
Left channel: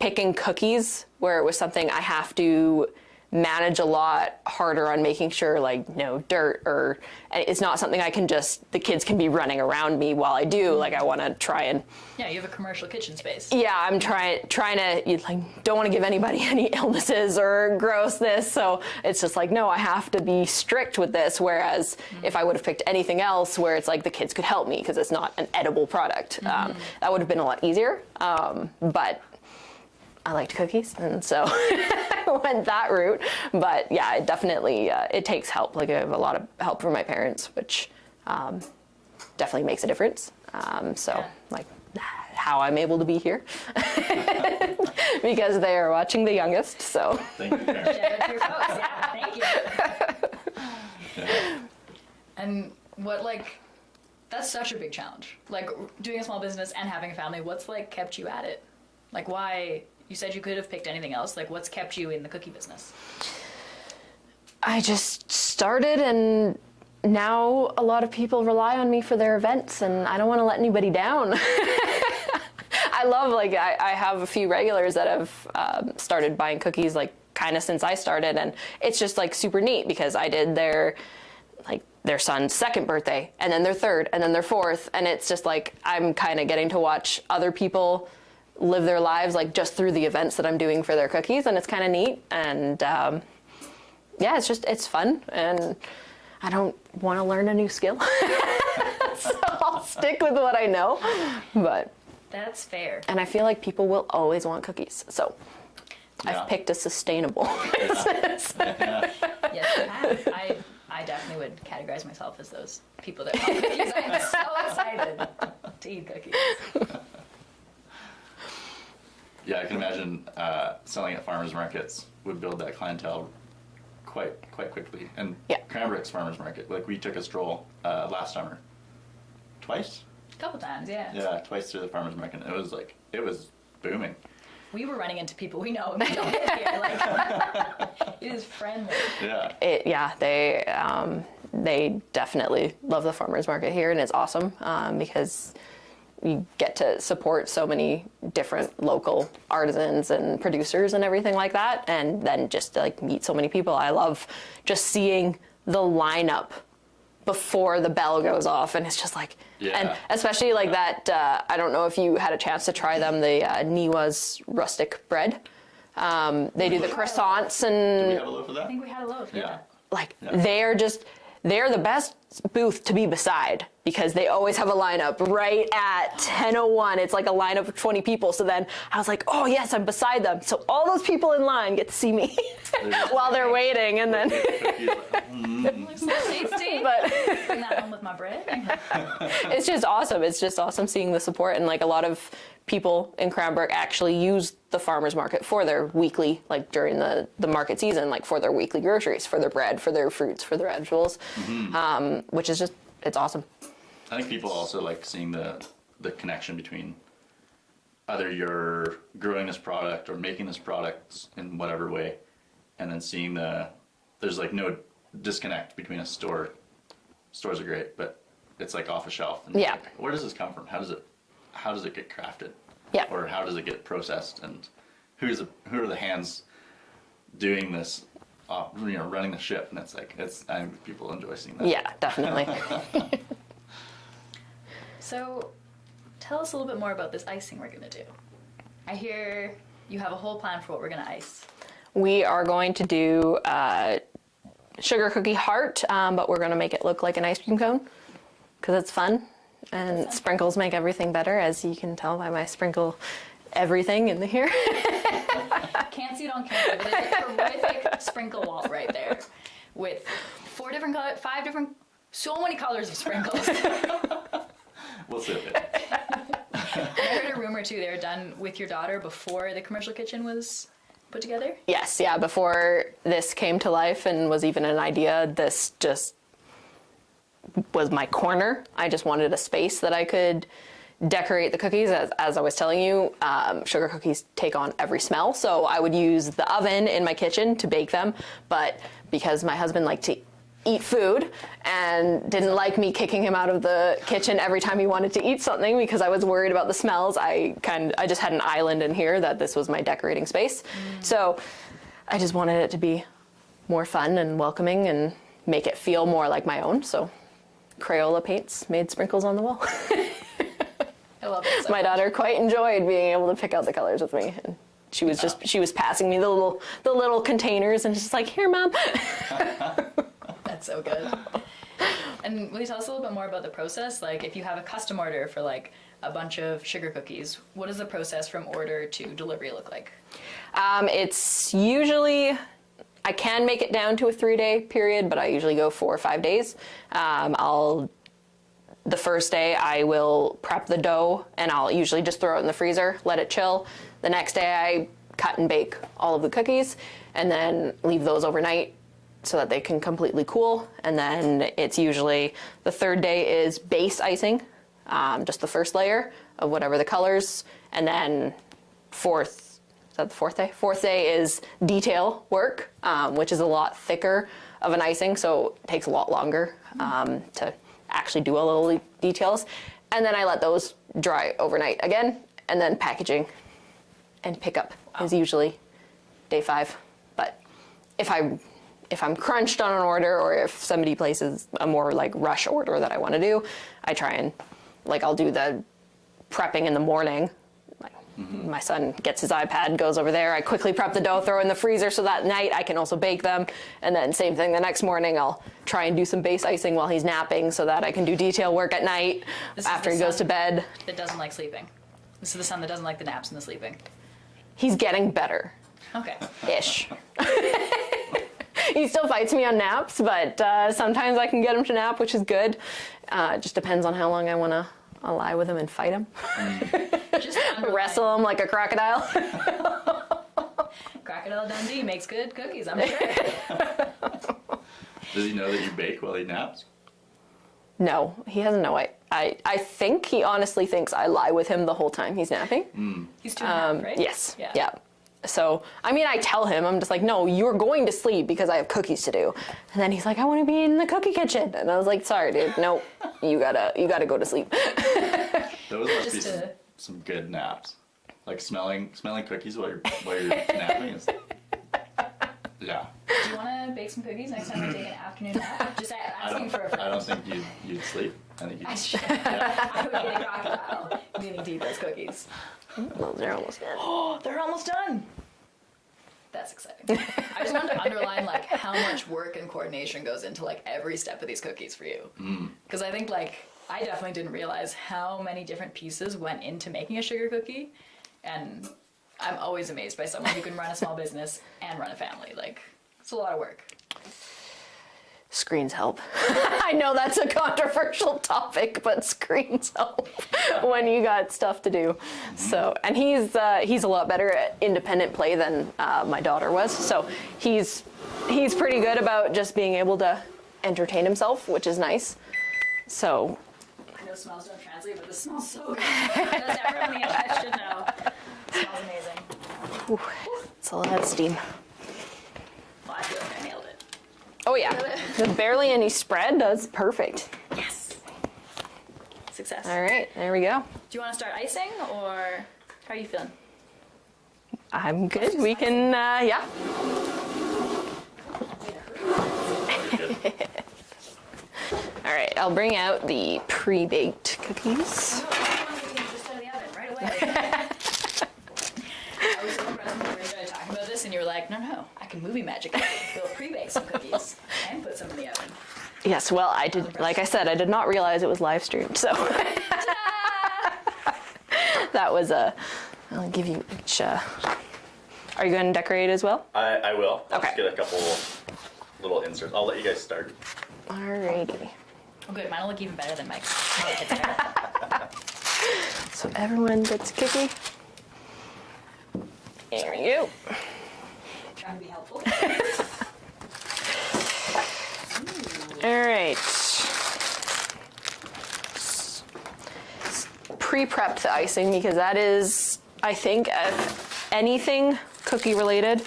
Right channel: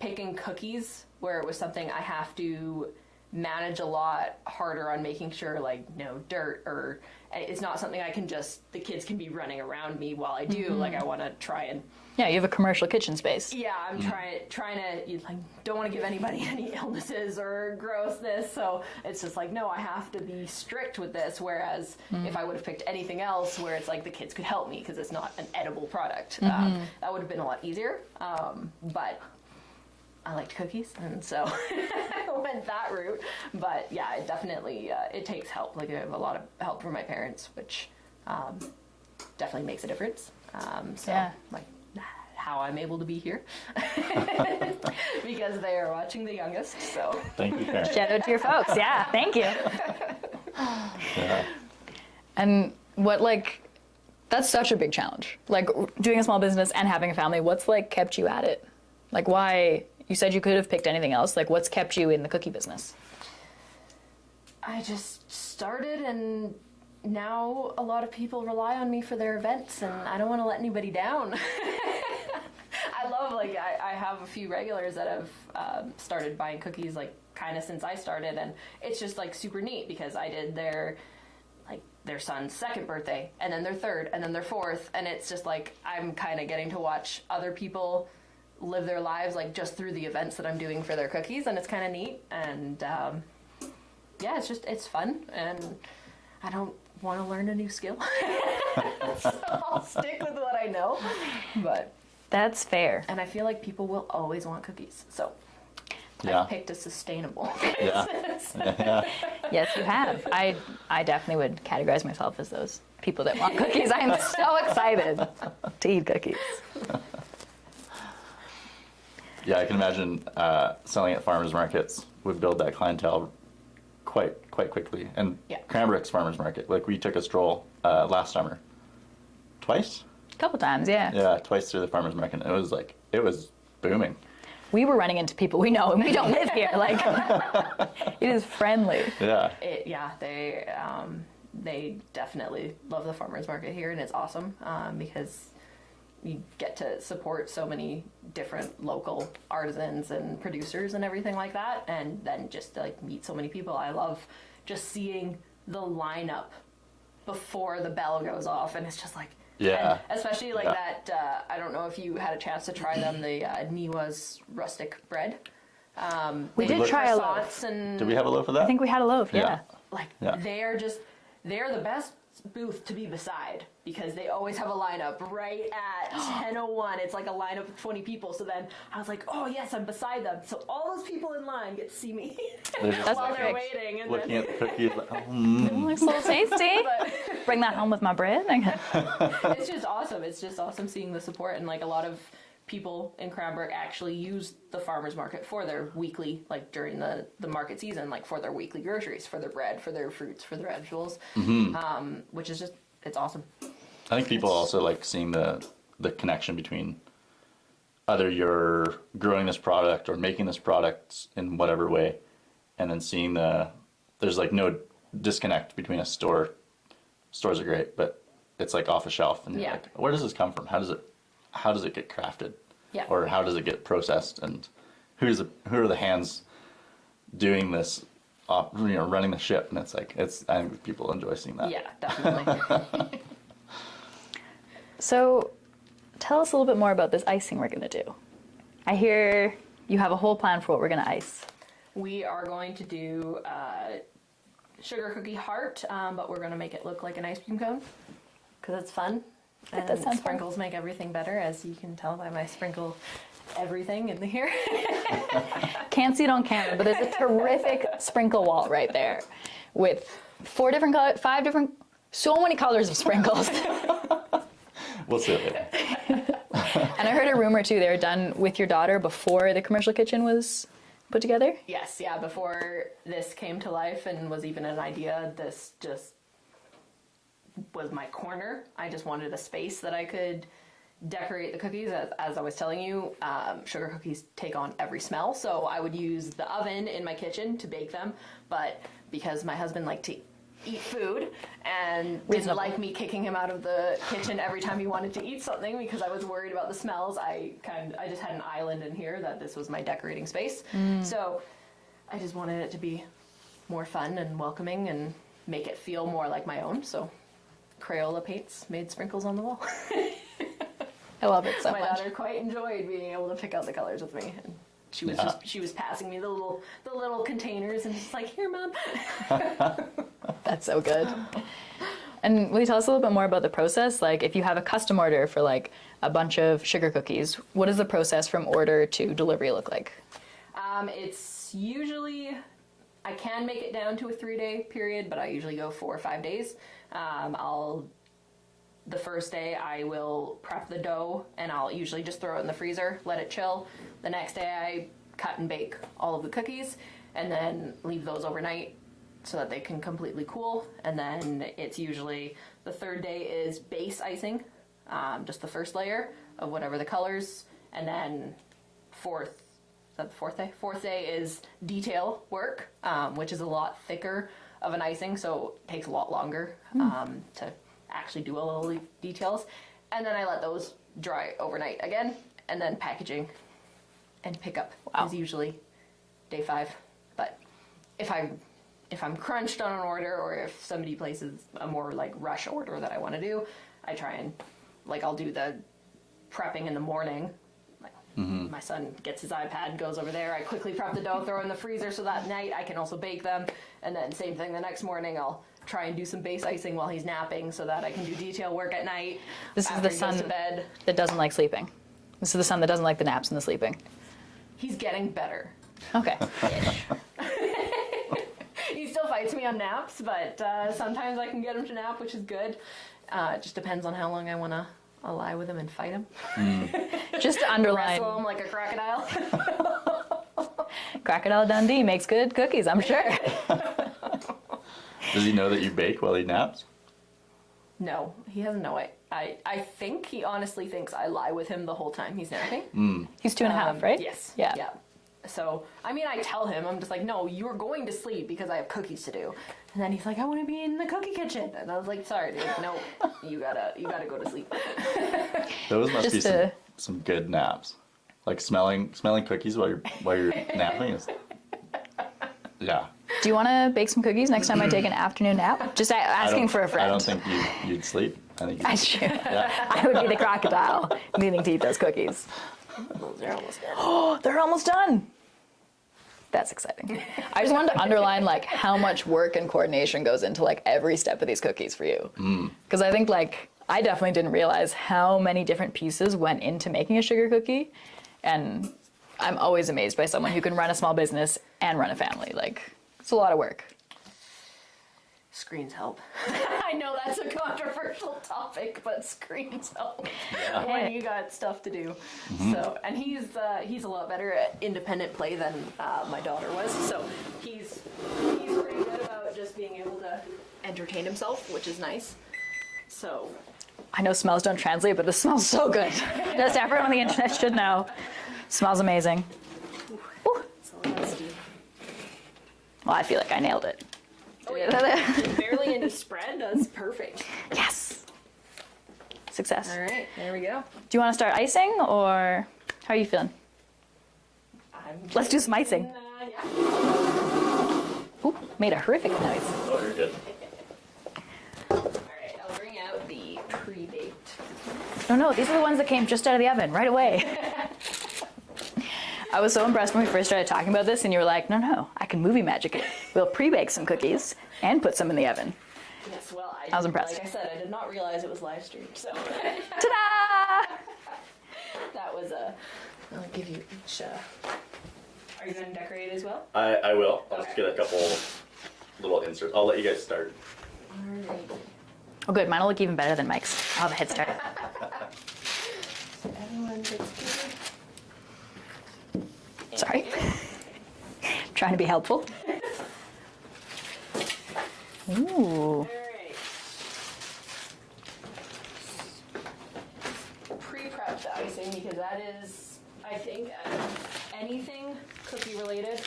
picking cookies, where it was something I have to manage a lot harder on, making sure like no dirt, or it's not something I can just, the kids can be running around me while I do. Like I want to try and you have a commercial kitchen space. Yeah, I'm trying to like, don't want to give anybody any illnesses or grossness, so it's just like, no, I have to be strict with this. Whereas if I would have picked anything else where it's like the kids could help me because it's not an edible product, that would have been a lot easier. But I liked cookies, and so I went that route. But yeah, it definitely, it takes help. Like I have a lot of help from my parents, which definitely makes a difference. Like how I'm able to be here, because they are watching the youngest, so. Thank you, Karen. Shout out to your folks. Yeah, thank you. Yeah. And what like, that's such a big challenge. Like doing a small business and having a family, what's like kept you at it? Like why? You said you could have picked anything else. Like, what's kept you in the cookie business? I just started, and now a lot of people rely on me for their events, and I don't want to let anybody down. I love, like, I have a few regulars that have started buying cookies, like, kind of since I started, and it's just, like, super neat, because I did their son's second birthday, and then their third, and then their fourth, and it's just, like, I'm kind of getting to watch other people live their lives like just through the events that I'm doing for their cookies, and it's kind of neat. And yeah, it's fun, and I don't want to learn a new skill, so I'll stick with what I know. But That's fair. and I feel like people will always want cookies, so Yeah. I've picked a sustainable business. Yes, you have. I definitely would categorize myself as those people that want cookies. I am so excited to eat cookies. Yeah, I can imagine selling at farmers markets would build that clientele quite quickly. And Yeah. Cranbrook's farmers market, like we took a stroll last summer, twice. A couple times, yeah. Yeah, twice through the farmers market. It was booming. We were running into people we know, and we don't live here. Like, it is friendly. Yeah. They definitely love the farmers market here, and it's awesome because you get to support so many different local artisans and producers and everything like that, and then just like meet so many people. I love just seeing the lineup before the bell goes off, and it's just like, Yeah. and especially like that. I don't know if you had a chance to try them, the Niwa's rustic bread. They did did try a loaf. croissants and Do we have a loaf of that? I think we had a loaf, yeah. like Yeah. they're the best booth to be beside because they always have a lineup right at 10:01. It's like a lineup of 20 people. So then I was like, oh yes, I'm beside them. So all those people in line get to see me while they're waiting, and then Cookies, Looks so tasty. but Bring that home with my bread. it's just awesome. It's just awesome seeing the support, and like a lot of people in Cranbrook actually use the farmers market for their weekly, like during the market season, like for their weekly groceries, for their bread, for their fruits, for their vegetables, which is just, it's awesome. I think people also like seeing the connection between either you're growing this product or making this product in whatever way, and then seeing there's like no disconnect between a store. Stores are great, but it's like off a shelf, and you're Yeah. like, where does this come from? How does it get crafted? Yeah. Or how does it get processed? And who are the hands doing this? Running the ship, and I think people enjoy seeing that. Yeah, definitely. So, tell us a little bit more about this icing we're going to do. I hear you have a whole plan for what we're going to ice. We are going to do sugar cookie heart, but we're going to make it look like an ice cream cone because it's fun. does And sound sprinkles make everything better, as you can tell by my sprinkle everything in here. Can't see it on camera, but there's a terrific sprinkle wall right there with 4 different colors, 5 different, so many colors of sprinkles. We'll see it later. And I heard a rumor too, they were done with your daughter before the commercial kitchen was put together. Yes, yeah, before this came to life and was even an idea, this just was my corner. I just wanted a space that I could decorate the cookies. As I was telling you, sugar cookies take on every smell, so I would use the oven in my kitchen to bake them, but because my husband liked to eat food and didn't like me kicking him out of the kitchen every time he wanted to eat something because I was worried about the smells, I just had an island in here that this was my decorating space. So I just wanted it to be more fun and welcoming and make it feel more like my own. So Crayola paints made sprinkles on the wall. I love it so My much. daughter quite enjoyed being able to pick out the colors with me. And she was she was passing me the little containers and just like, here, Mom. That's so good. And will you tell us a little bit more about the process? Like, if you have a custom order for like a bunch of sugar cookies, what does the process from order to delivery look like? It's usually, I can make it down to a 3-day period, but I usually go 4 or 5 days. The first day I will prep the dough and I'll usually just throw it in the freezer, let it chill. The next day I cut and bake all of the cookies and then leave those overnight so that they can completely cool. And then it's usually the third day is base icing, just the first layer of whatever the colors. And then is that the fourth day? Fourth day is detail work, which is a lot thicker of an icing, so it takes a lot longer to actually do all the details. And then I let those dry overnight again, and then packaging and pickup is usually day 5. But if I'm crunched on an order, or if somebody places a more like rush order that I want to do, I try and I'll do the prepping in the morning, like My son gets his iPad, goes over there. I quickly prep the dough, throw in the freezer so that night I can also bake them. And then same thing the next morning, I'll try and do some base icing while he's napping so that I can do detail work at night after he goes to bed. That doesn't like sleeping. This is the son that doesn't like the naps and the sleeping. He's getting better. Okay. Ish. He still fights me on naps, but sometimes I can get him to nap, which is good. It just depends on how long I want to lie with him and fight him. Just to Wrestle him like a crocodile. Crocodile Dundee makes good cookies, I'm sure. Does he know that you bake while he naps? No, he doesn't know. I think he honestly thinks I lie with him the whole time he's napping. He's 2.5, right? Yes. Yeah. Yeah. So, I mean, I tell him, I'm just like, no, you're going to sleep because I have cookies to do. And then he's like, I want to be in the cookie kitchen. And I was like, sorry, dude, no, you gotta go to sleep. Those must Just be some good naps. Like smelling cookies while you're napping is. Yeah. Do you want to bake some cookies next time I take an afternoon nap? Just asking for a friend. I don't think you'd sleep. I think I should. I would be the crocodile needing to eat those cookies. Well, they're almost there. Oh, they're almost done. That's exciting. I just wanted to underline like how much work and coordination goes into like every step of these cookies for you. Because I think like I definitely didn't realize how many different pieces went into making a sugar cookie, and I'm always amazed by someone who can run a small business and run a family. Like it's a lot of work. Screens help. I know that's a controversial topic, but screens help when you got stuff to do. So, and he's a lot better at independent play than my daughter was. So he's pretty good about just being able to entertain himself, which is nice. So I know smells don't translate, but this smells so good. Just everyone on the internet should know. Smells amazing. it's all that steam. Well, I feel like I nailed it. Oh yeah, with barely any spread, that's perfect. Yes. Success. All right, there we go. Do you want to start icing, or how are you feeling? I'm good. Let's do some we icing. can, yeah. Ooh, made a horrific noise. Oh, you're good. All right, I'll bring out the pre-baked cookies. No, these are the ones that came just out of the oven right away. I was so impressed when we first started talking about this, and you were like, no, I can movie magic it. We'll pre-bake some cookies and put some in the oven. Yes, well, I was did. impressed. Like I said, I did not realize it was live streamed. So that was a. I'll give you each. Are you going to decorate as well? I will. I'll Okay. just get a couple little inserts. I'll let you guys start. Alrighty. Oh, good. Mine will look even better than Mike's. I'll have a head start. So everyone gets a cookie. Sorry. You. Trying to be helpful. Ooh. All right. Pre-prepped the icing because that is, I think, anything cookie related,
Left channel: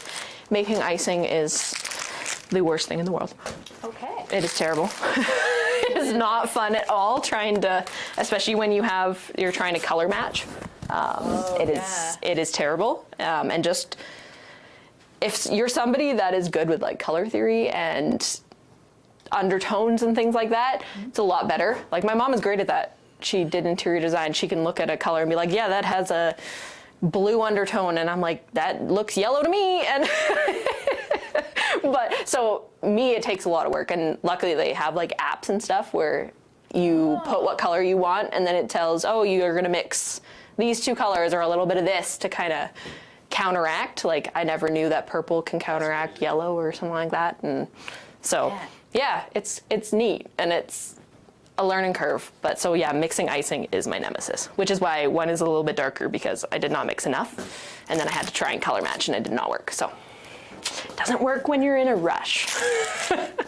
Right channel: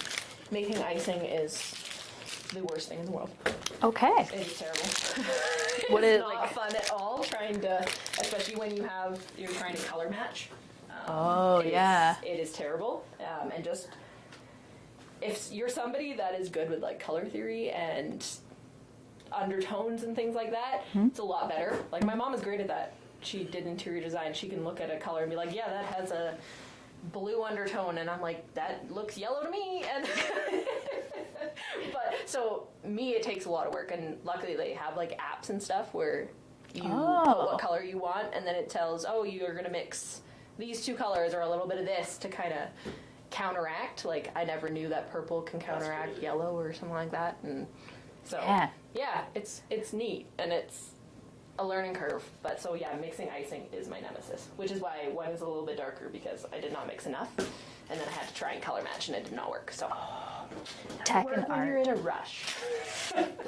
making icing is the worst thing in the world. Okay. It is terrible. It is not fun at all trying to, especially when you're trying to color match. It is terrible. And just, if you're somebody that is good with like color theory and undertones and things like that, it's a lot better. Like my mom is great at that. She did interior design. She can look at a color and be like, yeah, that has a blue undertone. And I'm like, that looks yellow to me. And but so me, it takes a lot of work. And luckily they have like apps and stuff where you put what color you want and then it tells, oh, you're going to mix these two colors or a little bit of this to kind of counteract. Like I never knew that purple can counteract yellow or something like that. And so yeah, it's neat and it's a learning curve. But so yeah, mixing icing is my nemesis, which is why one is a little bit darker because I did not mix enough and then I had to try and color match and it did not work. So it doesn't work when you're in a rush.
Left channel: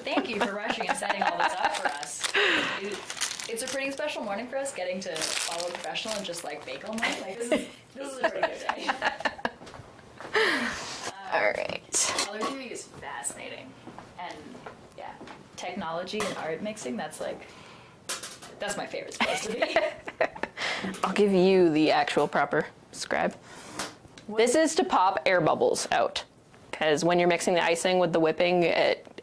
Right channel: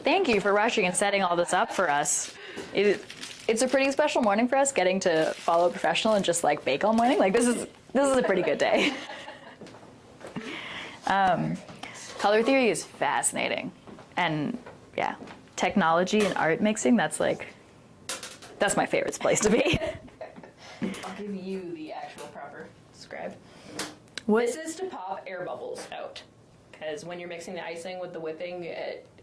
Thank you for rushing and setting all this up for us. It's a pretty special morning for us, getting to follow a professional and just like bake all morning. Like this is a pretty good day. All right. Color theory is fascinating, and yeah, technology and art mixing. That's my favorite place to be. I'll give you the actual proper scribe. This is to pop air bubbles out, because when you're mixing the icing with the whipping, it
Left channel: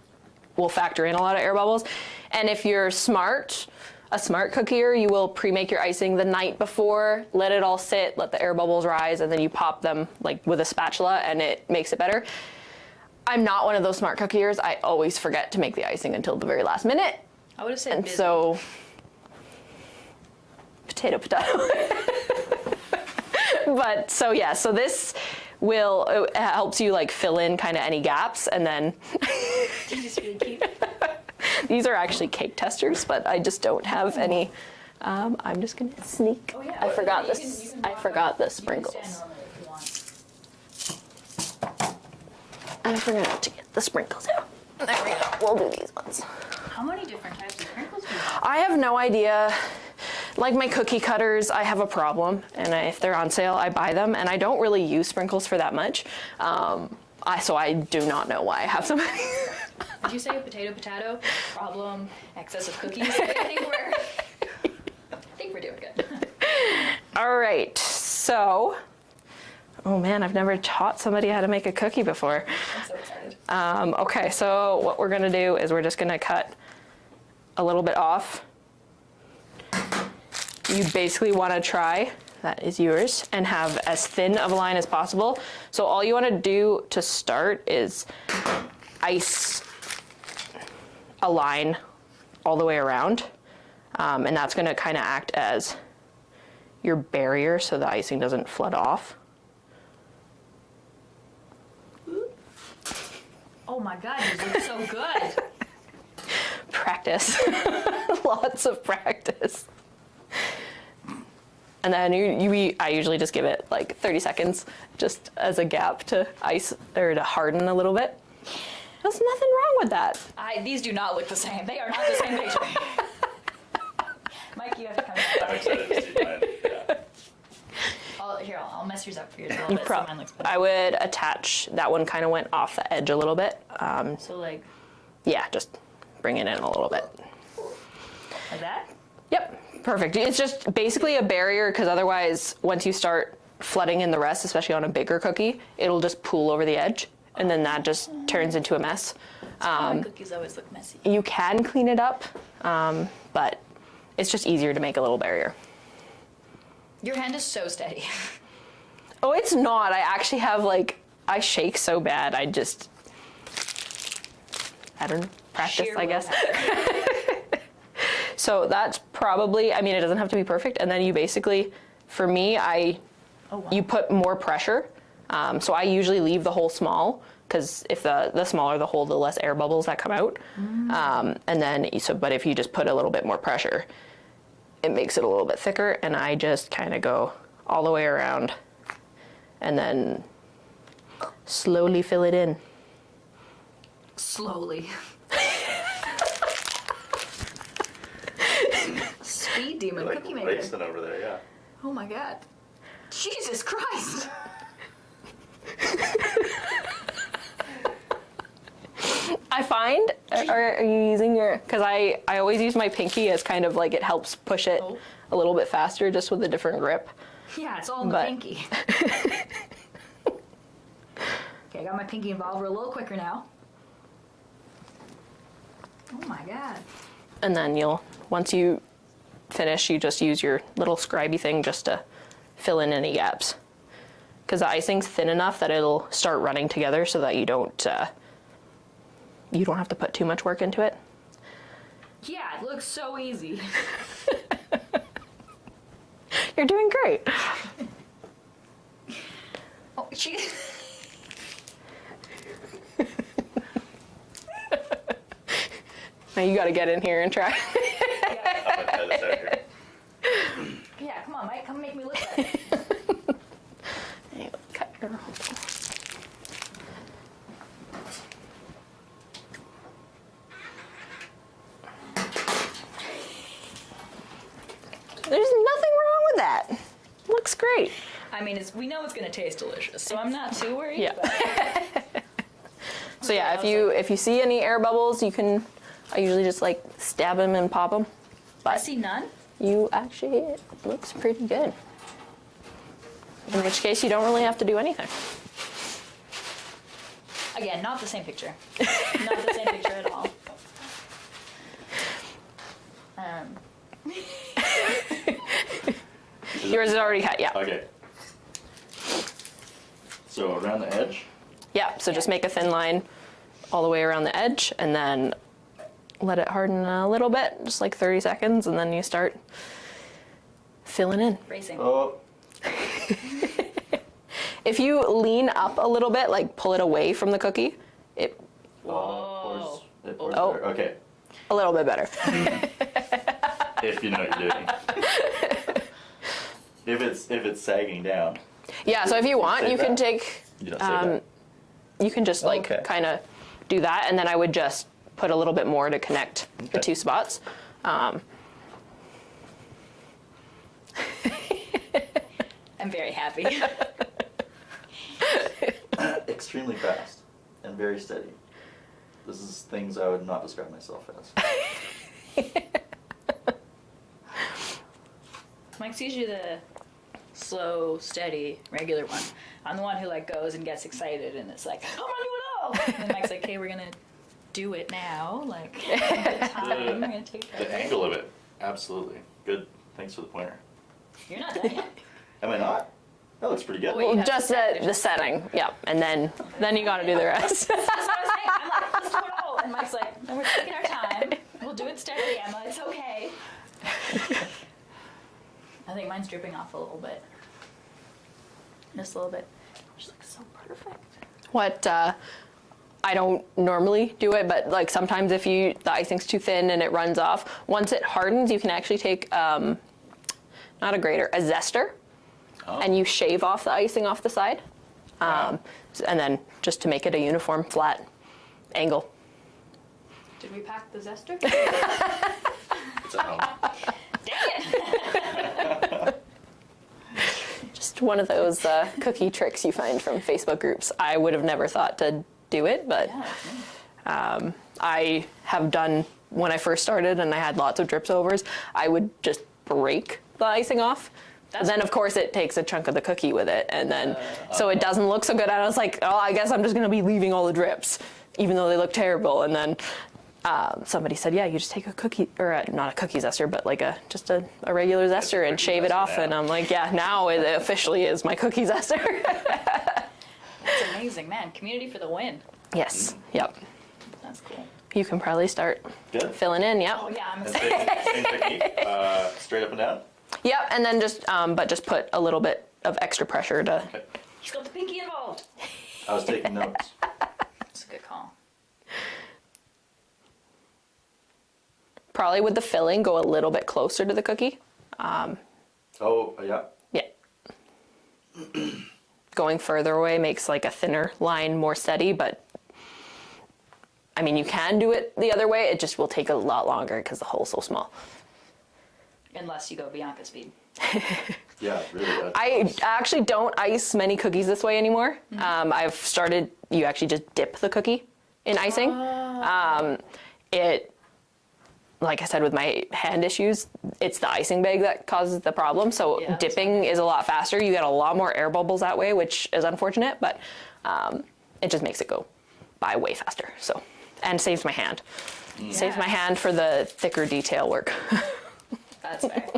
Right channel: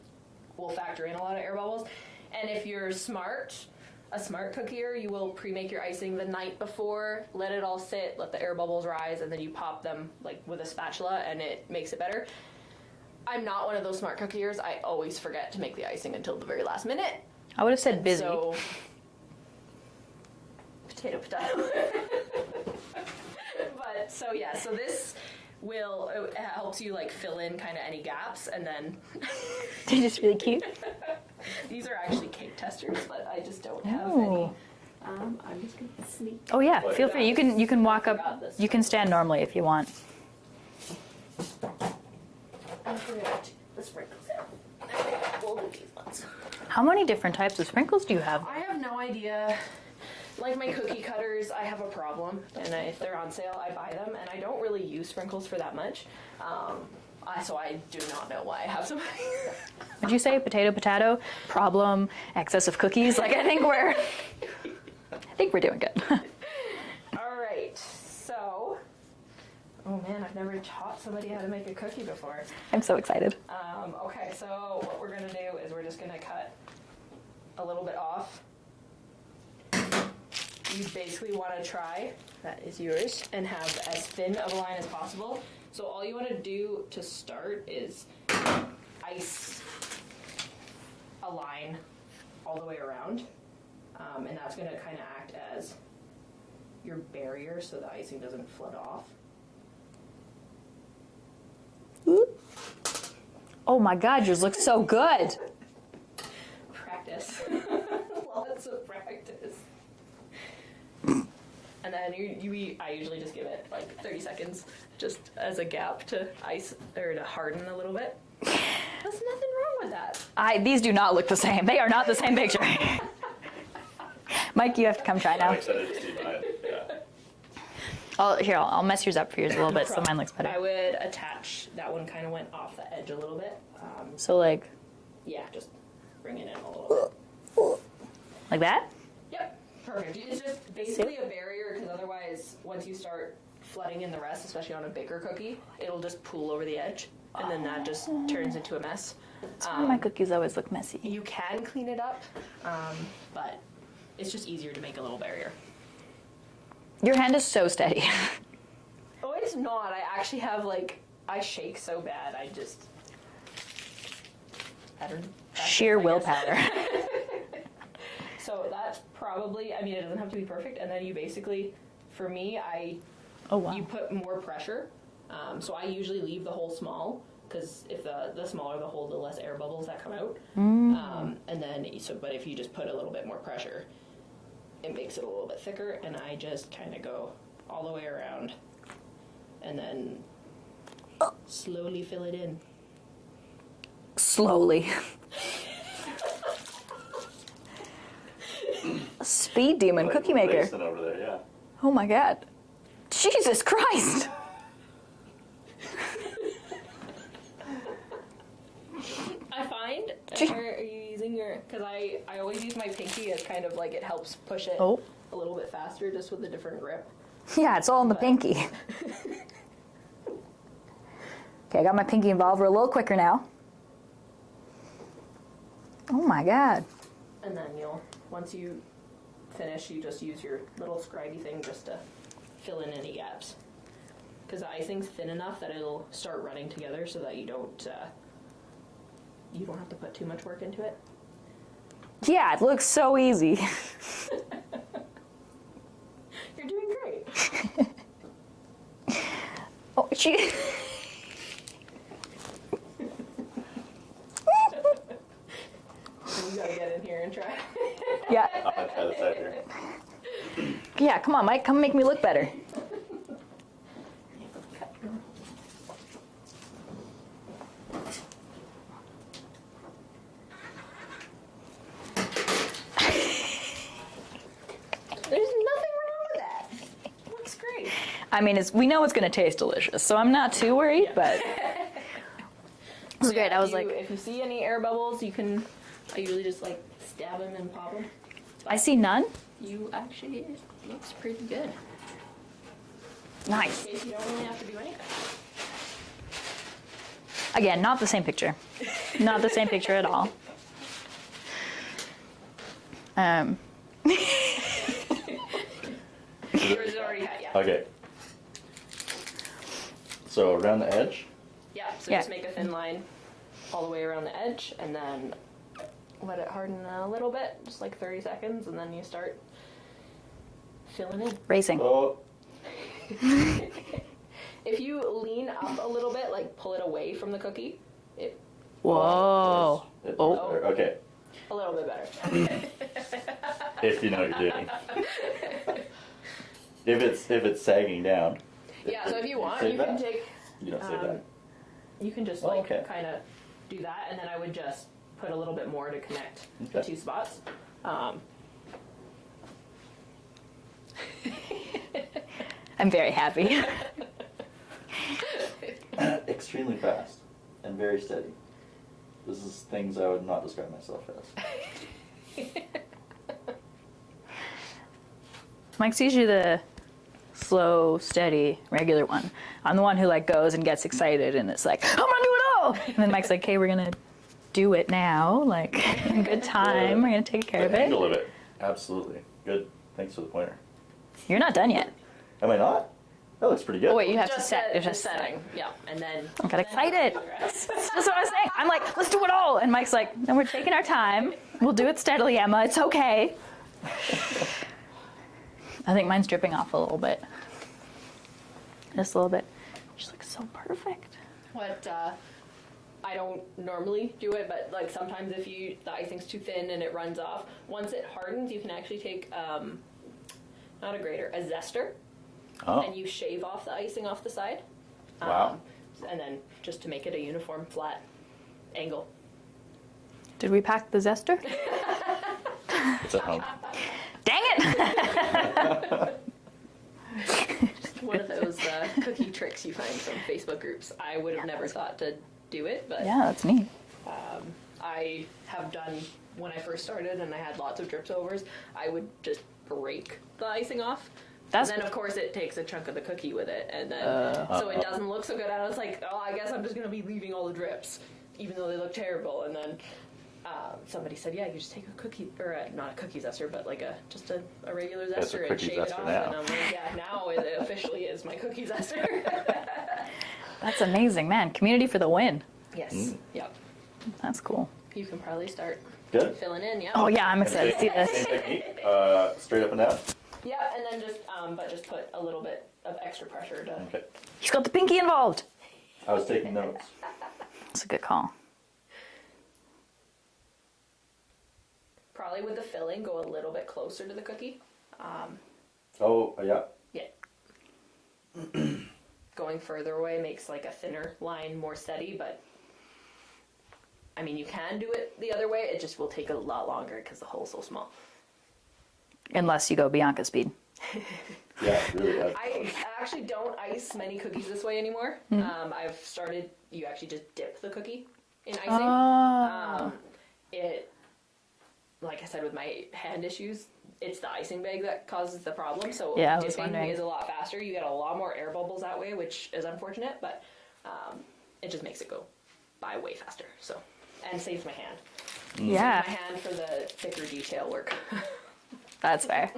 will factor in a lot of air bubbles. And if you're smart a smart cookier, you will pre-make your icing the night before, let it all sit, let the air bubbles rise, and then you pop them like with a spatula and it makes it better. I'm not one of those smart cookiers. I always forget to make the icing until the very last minute. I would have said busy. So, potato. But so yeah, so this it helps you like fill in kind of any gaps, and then They're just really cute. these are actually cake testers, but I just don't have any. I'm just gonna sneak. Oh yeah, I feel forgot free. You can I walk forgot up. the You can stand sprinkles. normally if you want. I forgot to get the sprinkles out. There we go. We'll do these ones. How many different types of sprinkles do you have? I have no idea. Like my cookie cutters, I have a problem, and if they're on sale, I buy them, and I don't really use sprinkles for that much. So I do not know why I have so many. Did you say potato, problem, excess of cookies? Like, I think we're doing good. All right, so, oh man, I've never taught somebody how to make a cookie before. I'm so excited. Okay, so what we're gonna do is we're just gonna cut a little bit off. You basically wanna try, that is yours, and have as thin of a line as possible. So all you wanna do to start is ice a line all the way around. And that's gonna kinda act as your barrier so the icing doesn't flood off. Oh my God, yours looks so good. Practice. Lots of practice. And then I usually just give it like 30 seconds just as a gap to ice or to harden a little bit. There's nothing wrong with that. These do not look the same. They are not the same picture. Mike, you have to come try I'm now. excited to see mine. Yeah. I'll mess yours up for yours a little bit so mine looks better. I would attach, that one kind of went off the edge a little bit. So like Yeah, just bring it in a little bit. that? Yep, perfect. It's just basically a barrier because otherwise once you start flooding in the rest, especially on a bigger cookie, it'll just pool over the edge and then that just turns into a mess. My cookies always look messy. You can clean it up, but it's just easier to make a little barrier. Your hand is so steady. Oh, it's not. I actually have I shake so bad. I don't know, practice, Sheer I guess. willpower. So that's probably, it doesn't have to be perfect. And then you basically, for me, you put more pressure. So I usually leave the hole small because if the smaller the hole, the less air bubbles that come out. And then, but if you just put a little bit more pressure, it makes it a little bit thicker. And I just kind of go all the way around and then slowly fill it in. Slowly. Speed demon cookie maker. Racing over there, yeah. Oh my God. Jesus Christ. I find, are you using your, because I always use my pinky as kind of like it helps push it a little bit faster just with a different grip. Yeah, it's all in the But- pinky. Okay, I got my pinky involved. We're a little quicker now. Oh my God. And then once you finish, you just use your little scribey thing just to fill in any gaps. Because the icing's thin enough that it'll start running together so that you don't have to put too much work into it. Yeah, it looks so easy. You're doing great. Oh, she. Now you got to get in here and try. Yeah. I'm gonna try this out here. Yeah, come on, Mike. Come make me look better. Cut your hole. There's nothing wrong with that. Looks great. I mean, we know it's going to taste delicious, so I'm not too worried. Yeah. But So great. yeah, I was if you see any air bubbles, I usually just stab them and pop them. I see none. It looks pretty good. In which case, you don't really have to do anything. Again, not the same picture. Not the same picture at all. Yours is already cut, yeah. Okay. So around the edge? Yeah, so just make a thin line all the way around the edge and then let it harden a little bit, just like 30 seconds, and then you start filling in. Racing. Oh. If you lean up a little bit, like pull it away from the cookie, it, whoa, Oh. Okay. a little bit better. If you know what you're doing. If it's sagging down. Yeah, so if you want, save you can that? take, You don't say that. you can just like Okay. kind of do that, and then I would just put a little bit more to connect the Okay. 2 spots. I'm very happy. Extremely fast and very steady. This is things I would not describe myself as. Mike's usually the slow, steady, regular one. I'm the one who like goes and gets excited and it's like, I'm gonna do it all. And then Mike's like, hey, we're gonna do it now. Like, in good time. We're gonna take care of The it. angle of it. Absolutely. Good. Thanks for the pointer. You're not done yet. Am I not? That looks pretty good. Oh, wait, you have to Just set- the setting, yeah, and then got then you gotta excited. do the rest. That's what I was saying. I'm like, let's do it all. And Mike's like, no, we're taking our time. We'll do it steadily, Emma. It's okay. I think mine's dripping off a little bit. Just a little bit. Just looks so perfect. What I don't normally do it, but like sometimes if the icing's too thin and it runs off, once it hardens, you can actually take not a grater, a zester, Oh. and you shave off the icing off the side, Wow. and then just to make it a uniform flat angle. Did we pack the zester? It's at home. Dang it! Just one of those cookie tricks you find from Facebook groups. I would have never thought to do it, but Yeah, that's neat. I have done when I first started and I had lots of drips overs, I would just break the icing off. Then of course it takes a chunk of the cookie with it, and then so it doesn't look so good. I was like, oh, I guess I'm just gonna be leaving all the drips, even though they look terrible. And then somebody said, yeah, you just take a cookie, or not a cookie zester, but like just a regular zester and cookie shave it zester, off. yeah. And I'm like, yeah, now it officially is my cookie zester. That's amazing, man. Community for the win. Yes. Yep. That's cool. You can probably start Good. filling in. Yeah. Oh yeah, I'm excited to see this. Same technique. Straight up and down. Yep. And then just put a little bit of extra pressure to. Okay. He's got the pinky involved. I was taking notes. That's a good call. Probably with the filling, go a little bit closer to the cookie. Oh, yeah. Yeah. Going further away makes like a thinner line more steady, but I mean, you can do it the other way. It just will take a lot longer because the hole's so small. Unless you go Bianca speed. Yeah, really. I actually don't ice many cookies this way anymore. I've started, you actually just dip the cookie in icing. Like I said, with my hand issues, it's the icing bag that causes the problem. So Yeah, that's dipping wondering. is a lot faster. You get a lot more air bubbles that way, which is unfortunate, but it just makes it go by way faster. So, and saves my hand. Saves Yeah. my hand for the thicker detail work. That's fair.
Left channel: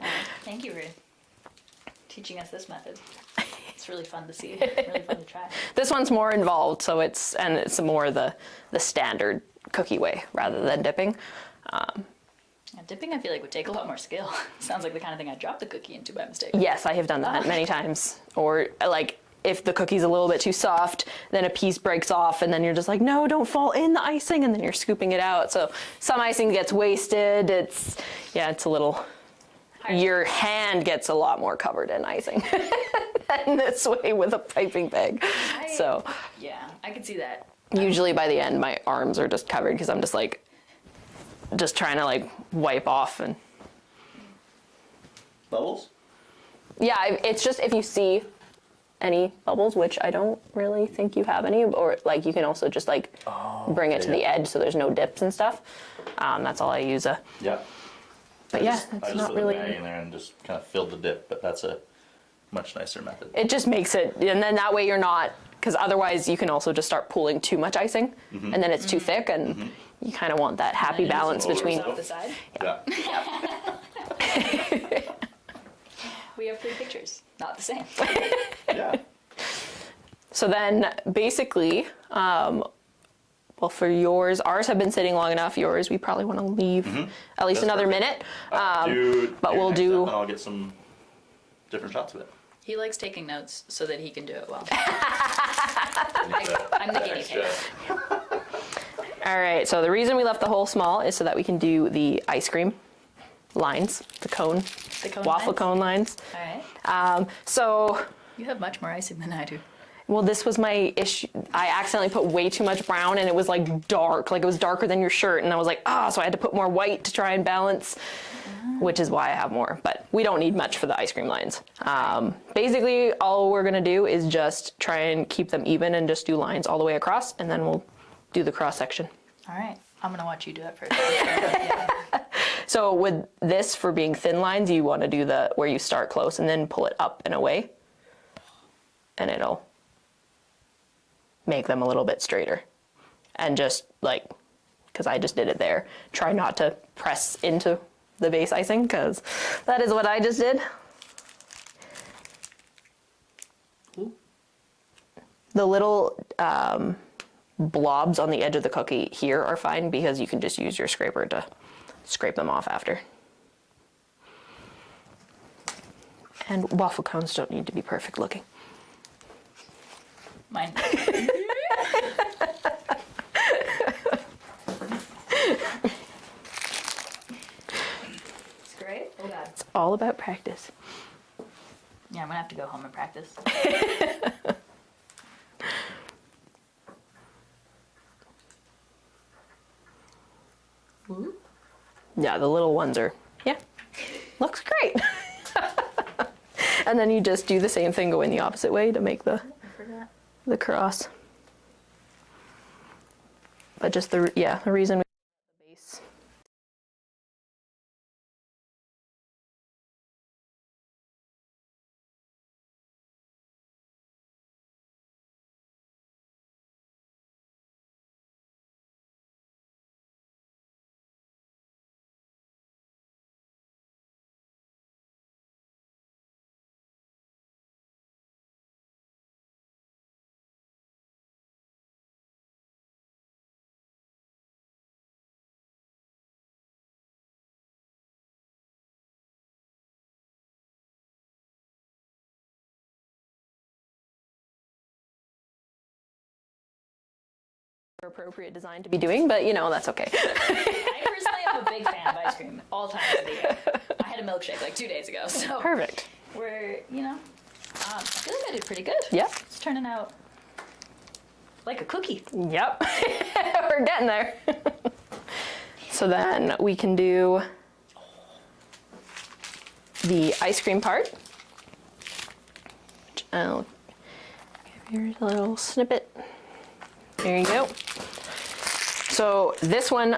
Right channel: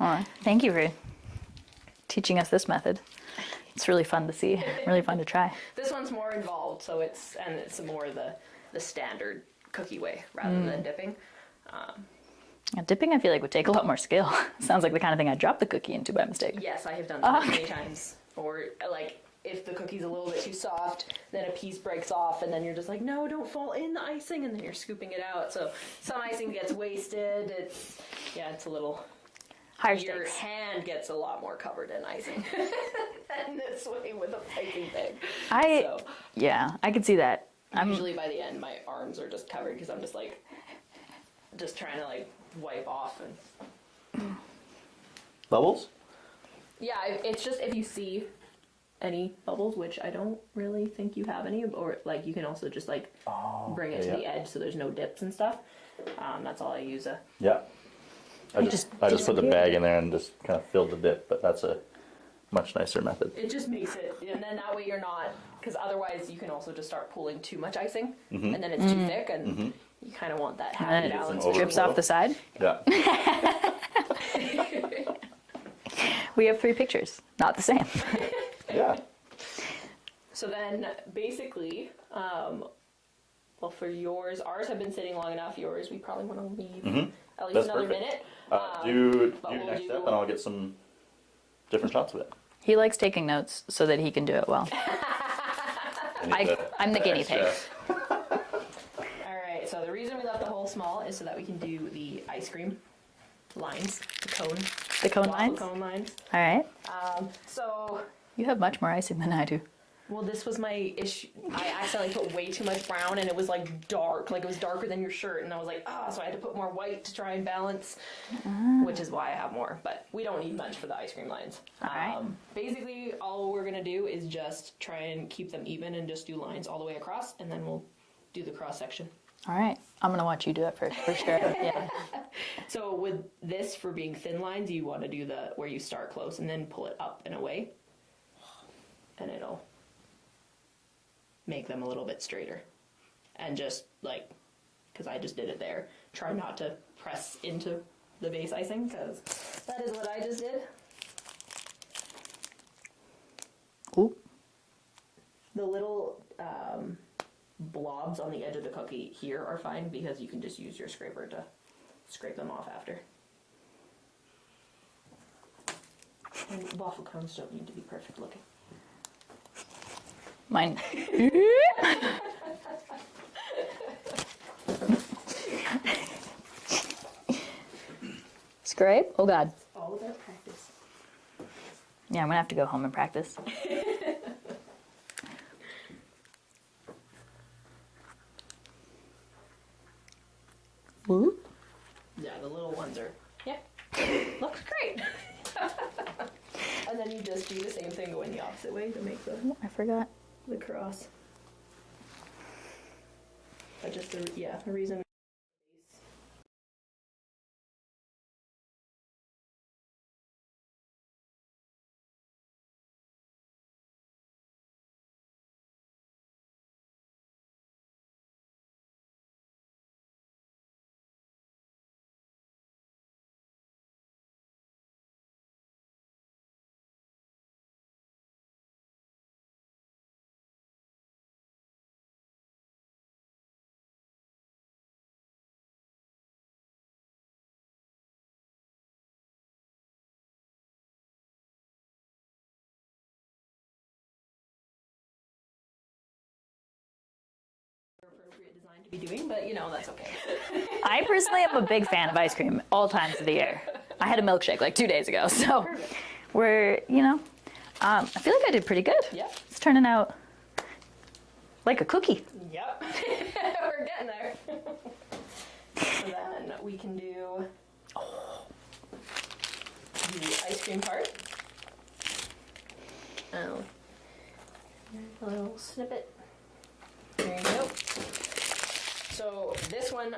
Well, thank you for teaching us this method. It's really fun to see. Really fun to try. This one's more involved, so it's more the standard cookie way rather than dipping. Yeah, dipping, I feel like, would take a lot more skill. Sounds like the kind of thing I dropped the cookie into by mistake. Yes, I have done that many times. Or like if the cookie's a little bit too soft, then a piece breaks off, and then you're just like, no, don't fall in the icing, and then you're scooping it out. So some icing gets wasted. It's a little. Your hand gets a lot more covered in icing than this way with a piping bag. Yeah, I could see that. Usually by the end, my arms are just covered because I'm just like, just trying to like wipe off and. Bubbles? Yeah, it's just if you see any bubbles, which I don't really think you have any, or like you can also just like bring it to the edge so there's no dips and stuff. That's all I use. Yeah. But I yeah, just it's not put the really- bag in there and just kind of filled the dip, but that's a much nicer method. It just makes it, and then that way you're not, because otherwise you can also just start pooling too much icing, and then it's too thick, and You kind of want that happy And it balance doesn't between. off the side. Yeah. We have 3 pictures, not the same. Yeah. So then basically, well, for yours, ours have been sitting long enough. Yours, we probably want to leave at least That's another perfect. minute. But we'll next do- step and I'll get some different shots of it. He likes taking notes so that he can do it well. I'm the guinea pig. All right, so the reason we left the hole small is so that we can do the ice cream lines, the cone waffle lines? cone lines. All right. So, You have much more icing than I do. well, this was my issue. I accidentally put way too much brown and it was like dark, like it was darker than your shirt. And I was like, so I had to put more white to try and balance, which is why I have more. But we don't need much for the ice cream lines. Basically, all we're gonna do is just try and keep them even and just do lines all the way across, and then we'll do the cross section. All right. I'm going to watch you do it first. For sure. Yeah. So with this, for being thin lines, you want to do the where you start close and then pull it up and away, and it'll make them a little bit straighter. And just like, because I just did it there, try not to press into the base icing, because that is what I just did. Ooh. The little blobs on the edge of the cookie here are fine, because you can just use your scraper to scrape them off after. And waffle cones don't need to be perfect looking. Mine. Scrape? Oh, God. It's all about practice. Yeah, I'm going to have to go home and practice. Ooh. Yeah, the little ones are, looks great. And then you just do the same thing going the opposite way to make I forgot. the cross. But just the reason we the base. Appropriate design to be doing, but that's okay. I personally am a big fan of ice cream all times of the year. I had a milkshake like 2 days ago, so Perfect. we're, I feel like I did pretty good. Yep. It's turning out like a cookie. Yep. We're getting there. So then we can do the ice cream part. Here's a little snippet. There you go. So this one,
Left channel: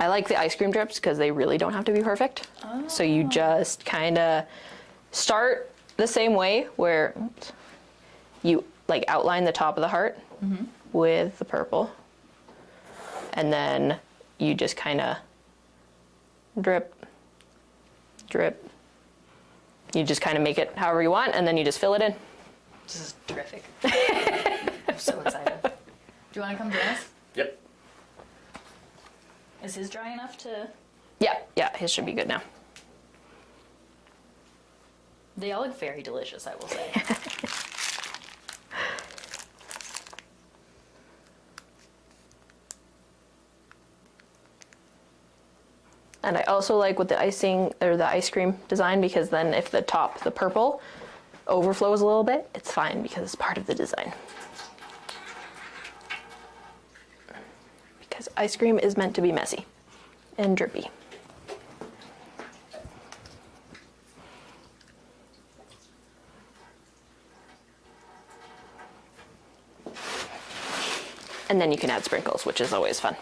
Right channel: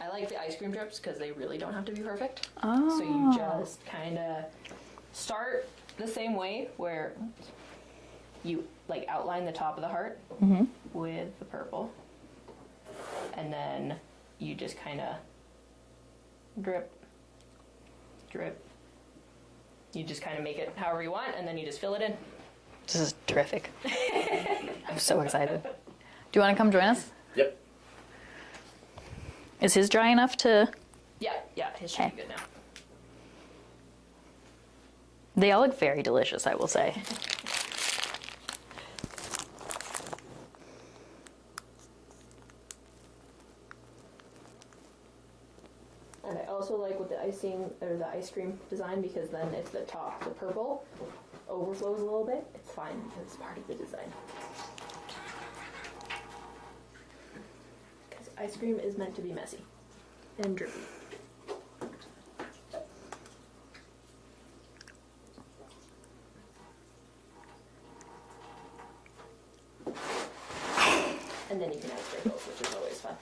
I like the ice cream drips because they really don't have to be perfect. Oh. So you just kind of start the same way where you like outline the top of the heart with the purple. And then you just kind of drip, drip. You just kind of make it however you want, and then you just fill it in. This is terrific. I'm so excited. Do you want to come join us? Yep. Is his dry enough to... Yeah, his should be good now. They all look very delicious, I will say. And I also like with the icing or the ice cream design, because then if the top, the purple, overflows a little bit, it's fine because it's part of the design. Because ice cream is meant to be messy and drippy. And then you can add sprinkles, which is always fun.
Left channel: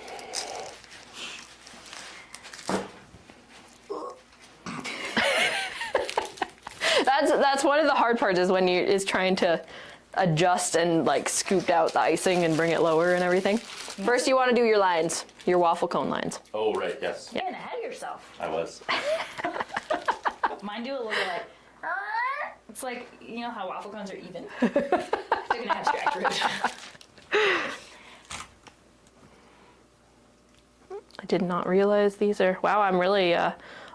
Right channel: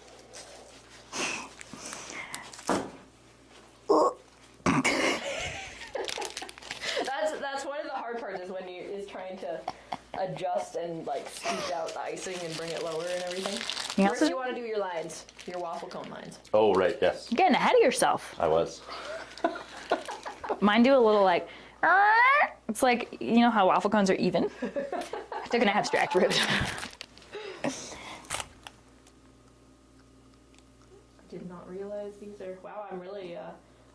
That's one of the hard parts, is when is trying to adjust and like scoop out the icing and bring it lower and everything. First, you want to do your lines, your waffle cone lines. Oh, right, yes. Getting ahead of yourself. I was. Mine do a little like, it's like, you know how waffle cones are even? They're gonna abstract ribs. I did not realize these are, wow, I'm really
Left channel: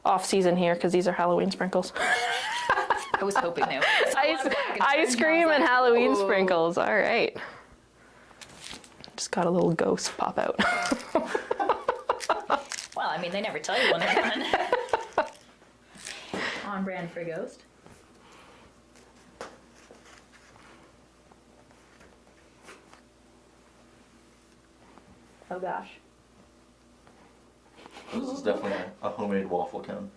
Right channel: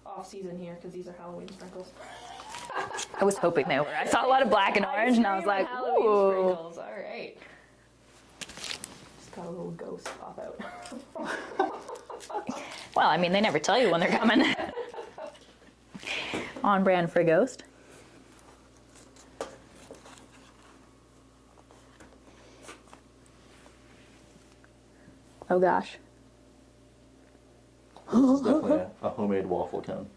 off season here because these are Halloween sprinkles. I was hoping they were. I saw a lot of black and orange. Ice cream and like, Halloween ooh. sprinkles, all right. Just got a little ghost pop out. Well, I mean, they never tell you when they're coming. On brand for a ghost. Oh gosh. This is definitely a homemade waffle cone.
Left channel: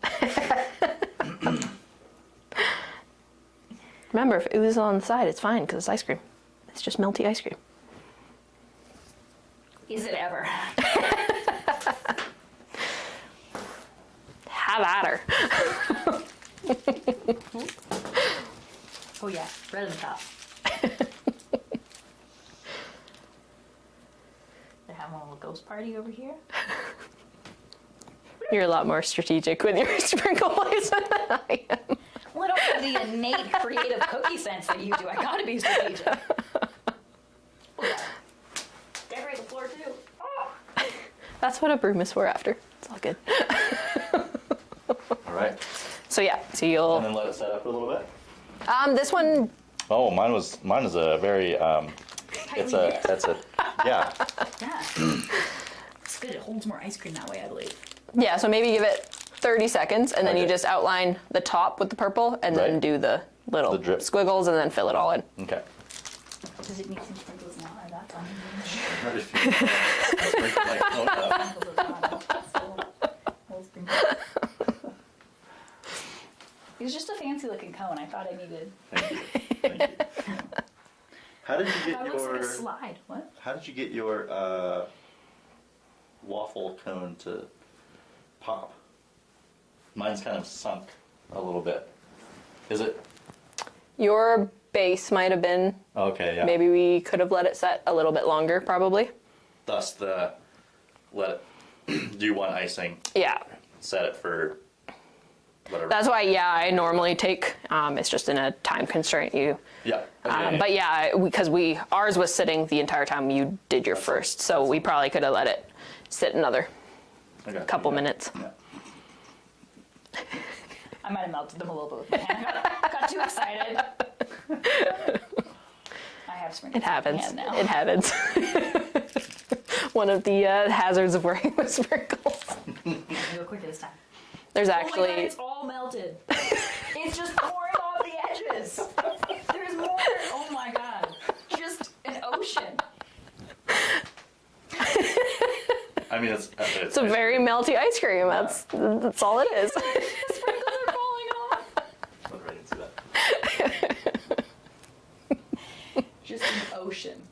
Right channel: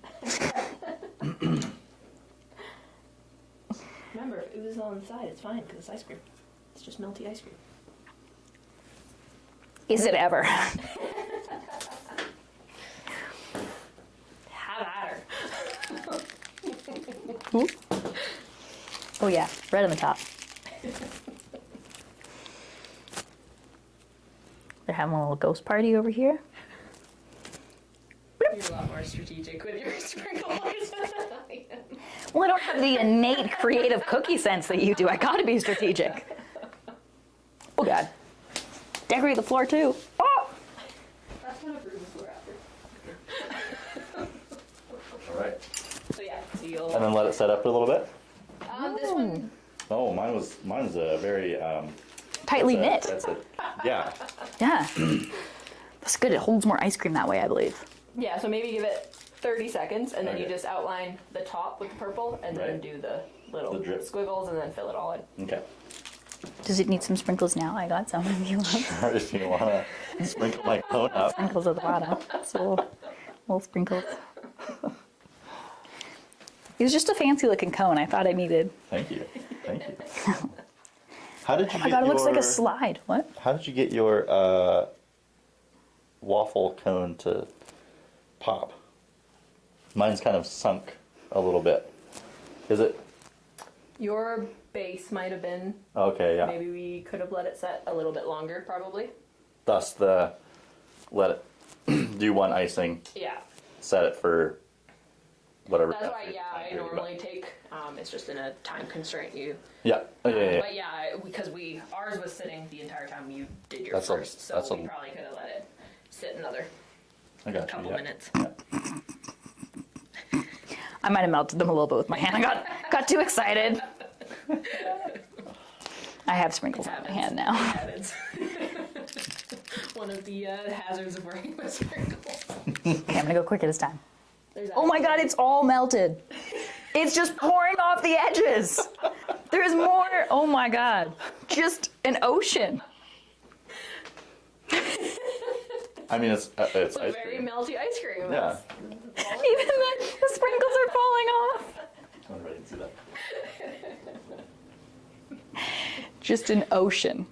Remember, if it oozes on the side, it's fine because it's ice cream. It's just melty ice cream. Is it ever? Have at her. Oh yeah, right on the top. They're having a little ghost party over here. You're a lot more strategic with your sprinkle place than I am. Well, I don't have the innate creative cookie sense that you do. I gotta be strategic. Oh god. Decorate the floor too. Oh! That's what a broom is for after. It's all good. All right. So yeah, so And you'll, then let it set up a little bit. this one, Oh, mine is a very Tightly knit. Yeah. Yeah. That's good. It holds more ice cream that way, I believe. yeah, so maybe give it 30 seconds and then you Okay. just outline the top with the purple and then Right. do the little The drip. squiggles and then fill it all in. Okay. Does it need some sprinkles now? I got some. Hard if you want to sprinkle my cone up. Sprinkles at the bottom. So little sprinkles. It was just a fancy looking cone. I thought I needed. Thank you. Thank you. How did you Oh get god, it your? looks like a slide. What? How did you get your waffle cone to pop? Mine's kind of sunk a little bit. Is it? Your base might have been, Okay, yeah. maybe we could have let it set a little bit longer probably. Thus let it do one icing, Yeah. set it for whatever. That's why, yeah, I normally take, it's just in a time constraint you. Yeah. But yeah, because ours was sitting the entire time you did your That's first, so that's we all. probably could have let it sit another Okay, couple yeah. minutes. I might have melted them a little bit with my hand. I got too excited. I have sprinkles It happens. on my hand now. It happens. One of the hazards of working with sprinkles. Okay, I'm gonna go quicker this time. There's Oh actually. my god, it's all melted. It's just pouring off the edges. There's more. Oh my god. Just an ocean. I mean, it's It's a very melty ice cream. Yeah. That's all it is. The sprinkles are falling off. I'm ready to see that. Just an ocean.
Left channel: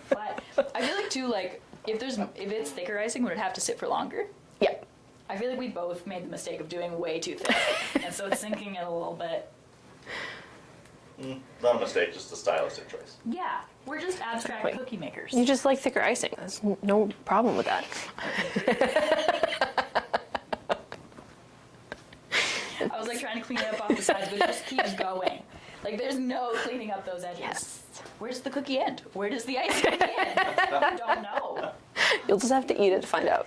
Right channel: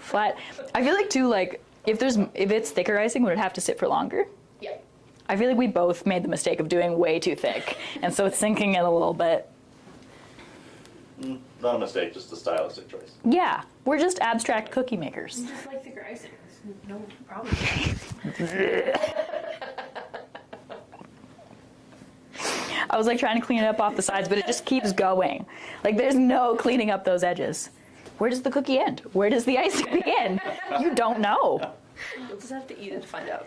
Flat. I feel like too, like if it's thicker icing, would it have to sit for longer? Yeah. I feel like we both made the mistake of doing way too thick, and so it's sinking in a little bit. Not a mistake, just a stylistic choice. Yeah, we're just abstract cookie makers. You just like thicker icing. There's no problem with that. I was like trying to clean it up off the sides, but it just keeps going. Like there's no cleaning up those edges. Yes. Where does the cookie end? Where does the icing begin? You don't know. You'll just have to eat it to find out.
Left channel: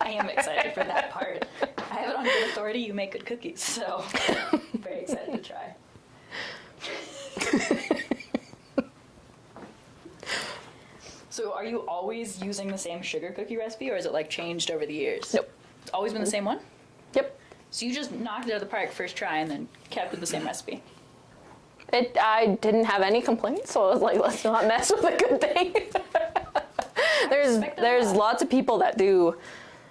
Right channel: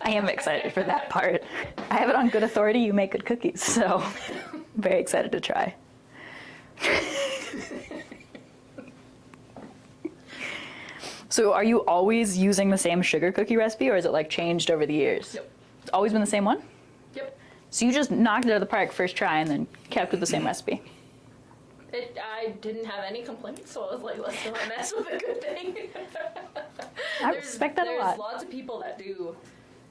I am excited for that part. I have it on good authority. You make good cookies, so I'm very excited to try. So are you always using the same sugar cookie recipe, or is it like changed over the years? Nope. It's always been the same one? Yep. So you just knocked it out of the park first try and then kept with the same recipe? I didn't have any complaints, so I was like, let's not mess with a good thing. respect that a There's lot. lots of people that do,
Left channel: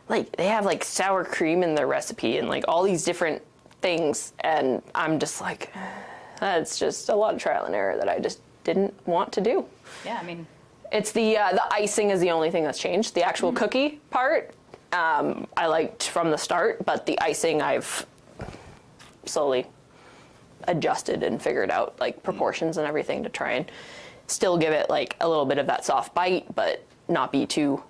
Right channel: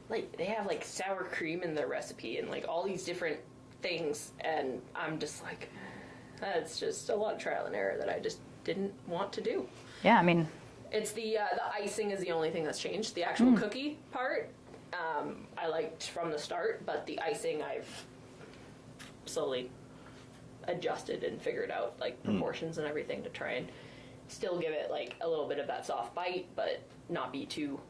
like, they have like sour cream in their recipe and like all these different things, and I'm just like, that's just a lot of trial and error that I just didn't want to do. Yeah, I mean, It's the icing is the only thing that's changed. The actual cookie part, I liked from the start, but the icing I've slowly adjusted and figured out like proportions and everything to try and still give it like a little bit of that soft bite, but not be too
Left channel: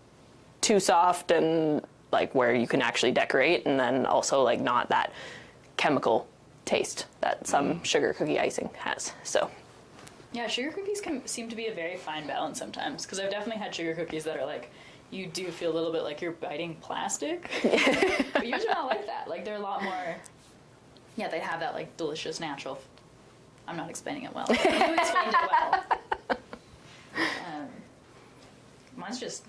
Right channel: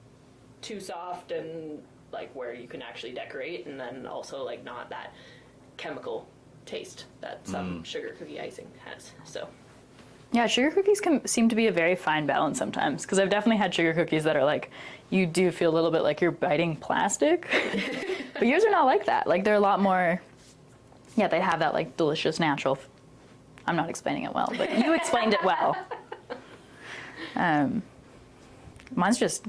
soft, and like where you can actually decorate, and then also like not that chemical taste that some sugar cookie icing has. So Yeah, sugar cookies can seem to be a very fine balance sometimes, because I've definitely had sugar cookies that are like, you do feel a little bit like you're biting plastic. But yours are not like that. Like, they're a lot more, yeah, they have that like delicious natural, I'm not explaining it well, but you explained it well. Mine's just,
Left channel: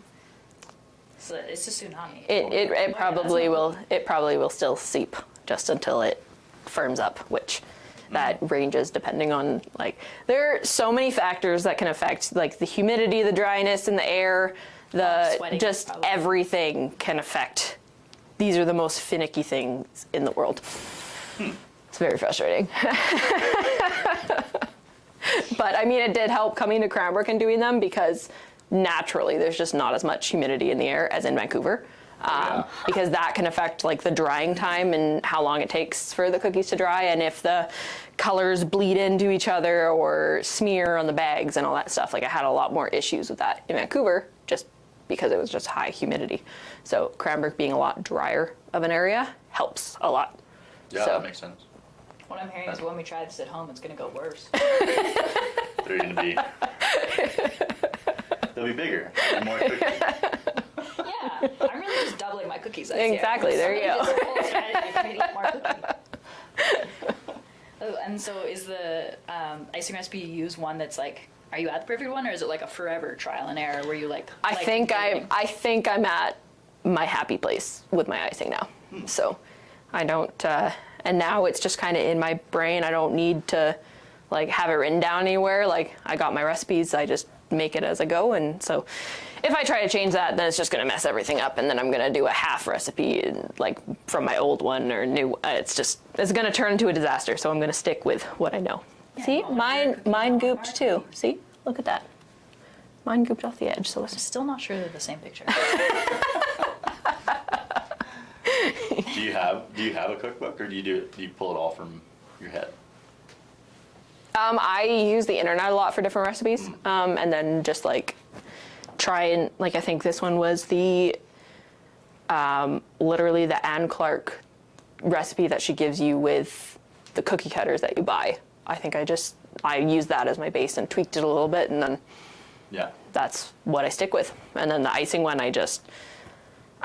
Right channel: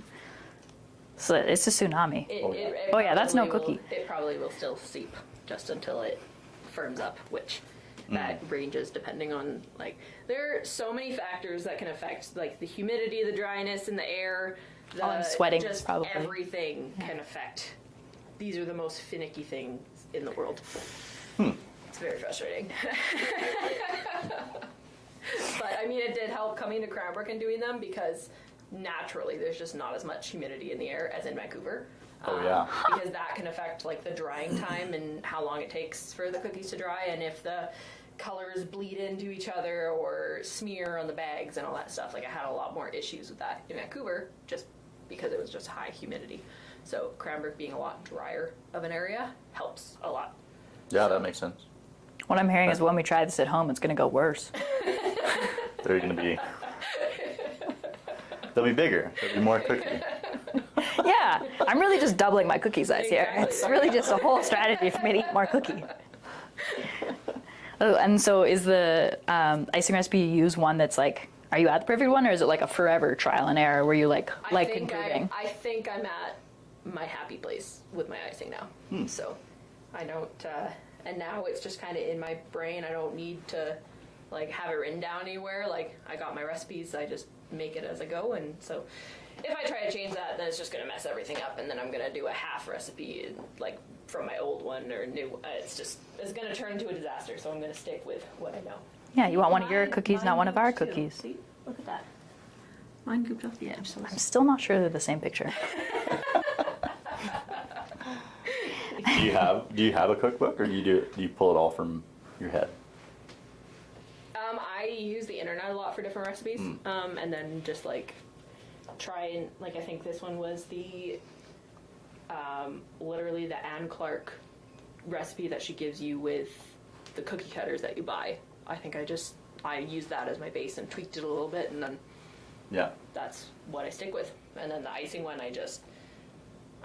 it's a tsunami. It probably will still seep just until it firms up, which that ranges depending on, like, there are so many factors that can affect, like the humidity, the dryness in the air, the sweating, just probably. Everything can affect. These are the most finicky things in the world. It's very frustrating. But I mean, it did help coming to Cranbrook and doing them, because naturally there's just not as much humidity in the air as in Vancouver. Because that can affect like the drying time and how long it takes for the cookies to dry, and if the colors bleed into each other or smear on the bags and all that stuff. Like, I had a lot more issues with that in Vancouver just because it was just high humidity. So Cranbrook being a lot drier of an area helps a lot. Yeah, So- that makes sense. What I'm hearing is when we try this at home, it's going to go worse. They're going to be. They'll be bigger, more cookie. Yeah, I'm really just doubling my cookie size here. Exactly, It's there you really go. just a whole strategy for me to eat more cookie. Oh, and so is the icing recipe you use one that's like, are you at the perfect one, or is it like a forever trial and error where you like I think improving? I think I'm at my happy place with my icing now. So I don't, and now it's just kind of in my brain. I don't need to like have it written down anywhere. Like, I got my recipes, I just make it as I go. And so if I try to change that, then it's just going to mess everything up, and then I'm going to do a half recipe like from my old one or new. It's going to turn into a disaster. So I'm going to stick with what I know. Yeah, See, you want one of your cookies, mine not one of our gooped too. cookies. See, look at that. Mine gooped off the edge. So I'm still not sure they're the same picture. Do you have a cookbook, or do you pull it all from your head? I use the internet a lot for different recipes, and then just like try and like, I think this one was the literally the Anne Clark recipe that she gives you with the cookie cutters that you buy. I think I used that as my base and tweaked it a little bit, and then Yeah. that's what I stick with. And then the icing one, I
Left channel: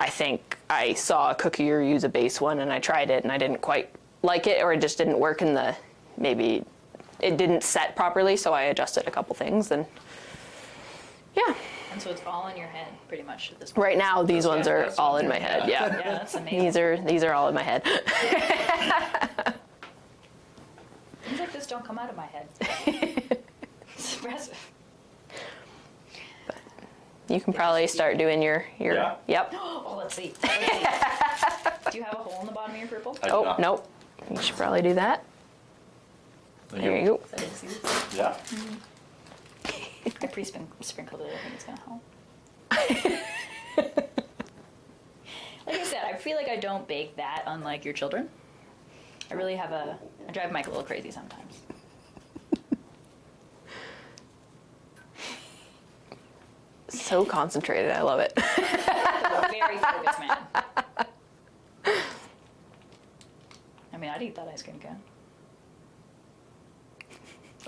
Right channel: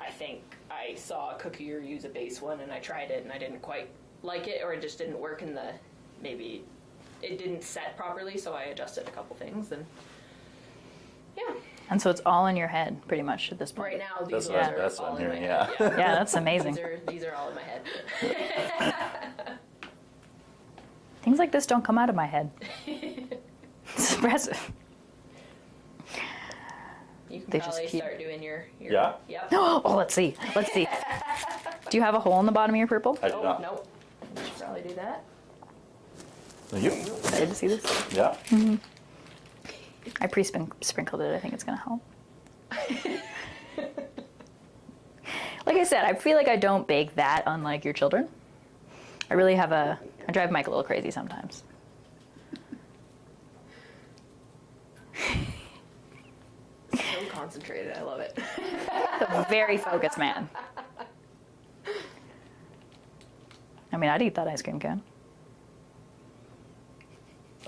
think I saw a cookier use a base one, and I tried it and I didn't quite like it, or it just didn't work in maybe it didn't set properly, so I adjusted a couple things, and yeah. And so it's all in your head, pretty much, at this point. Right now, these That's ones right. are That's all on in my here, head. yeah. Yeah, Yeah, that's amazing. these are all in my head. Things like this don't come out of my head. It's impressive. You can They just probably keep- start doing your Yeah. Yep. Oh, let's see. Let's see. Do you have a hole in the bottom of your purple? I do Oh, not. nope. You should probably do that. There you go. Excited to see this. Yeah. I pre-sprinkled it. I think it's going to help. Like I said, I feel like I don't bake that unlike your children. I really have I drive Mike a little crazy sometimes. So concentrated. I love it. A very focused man. I mean, I'd eat that ice cream cone.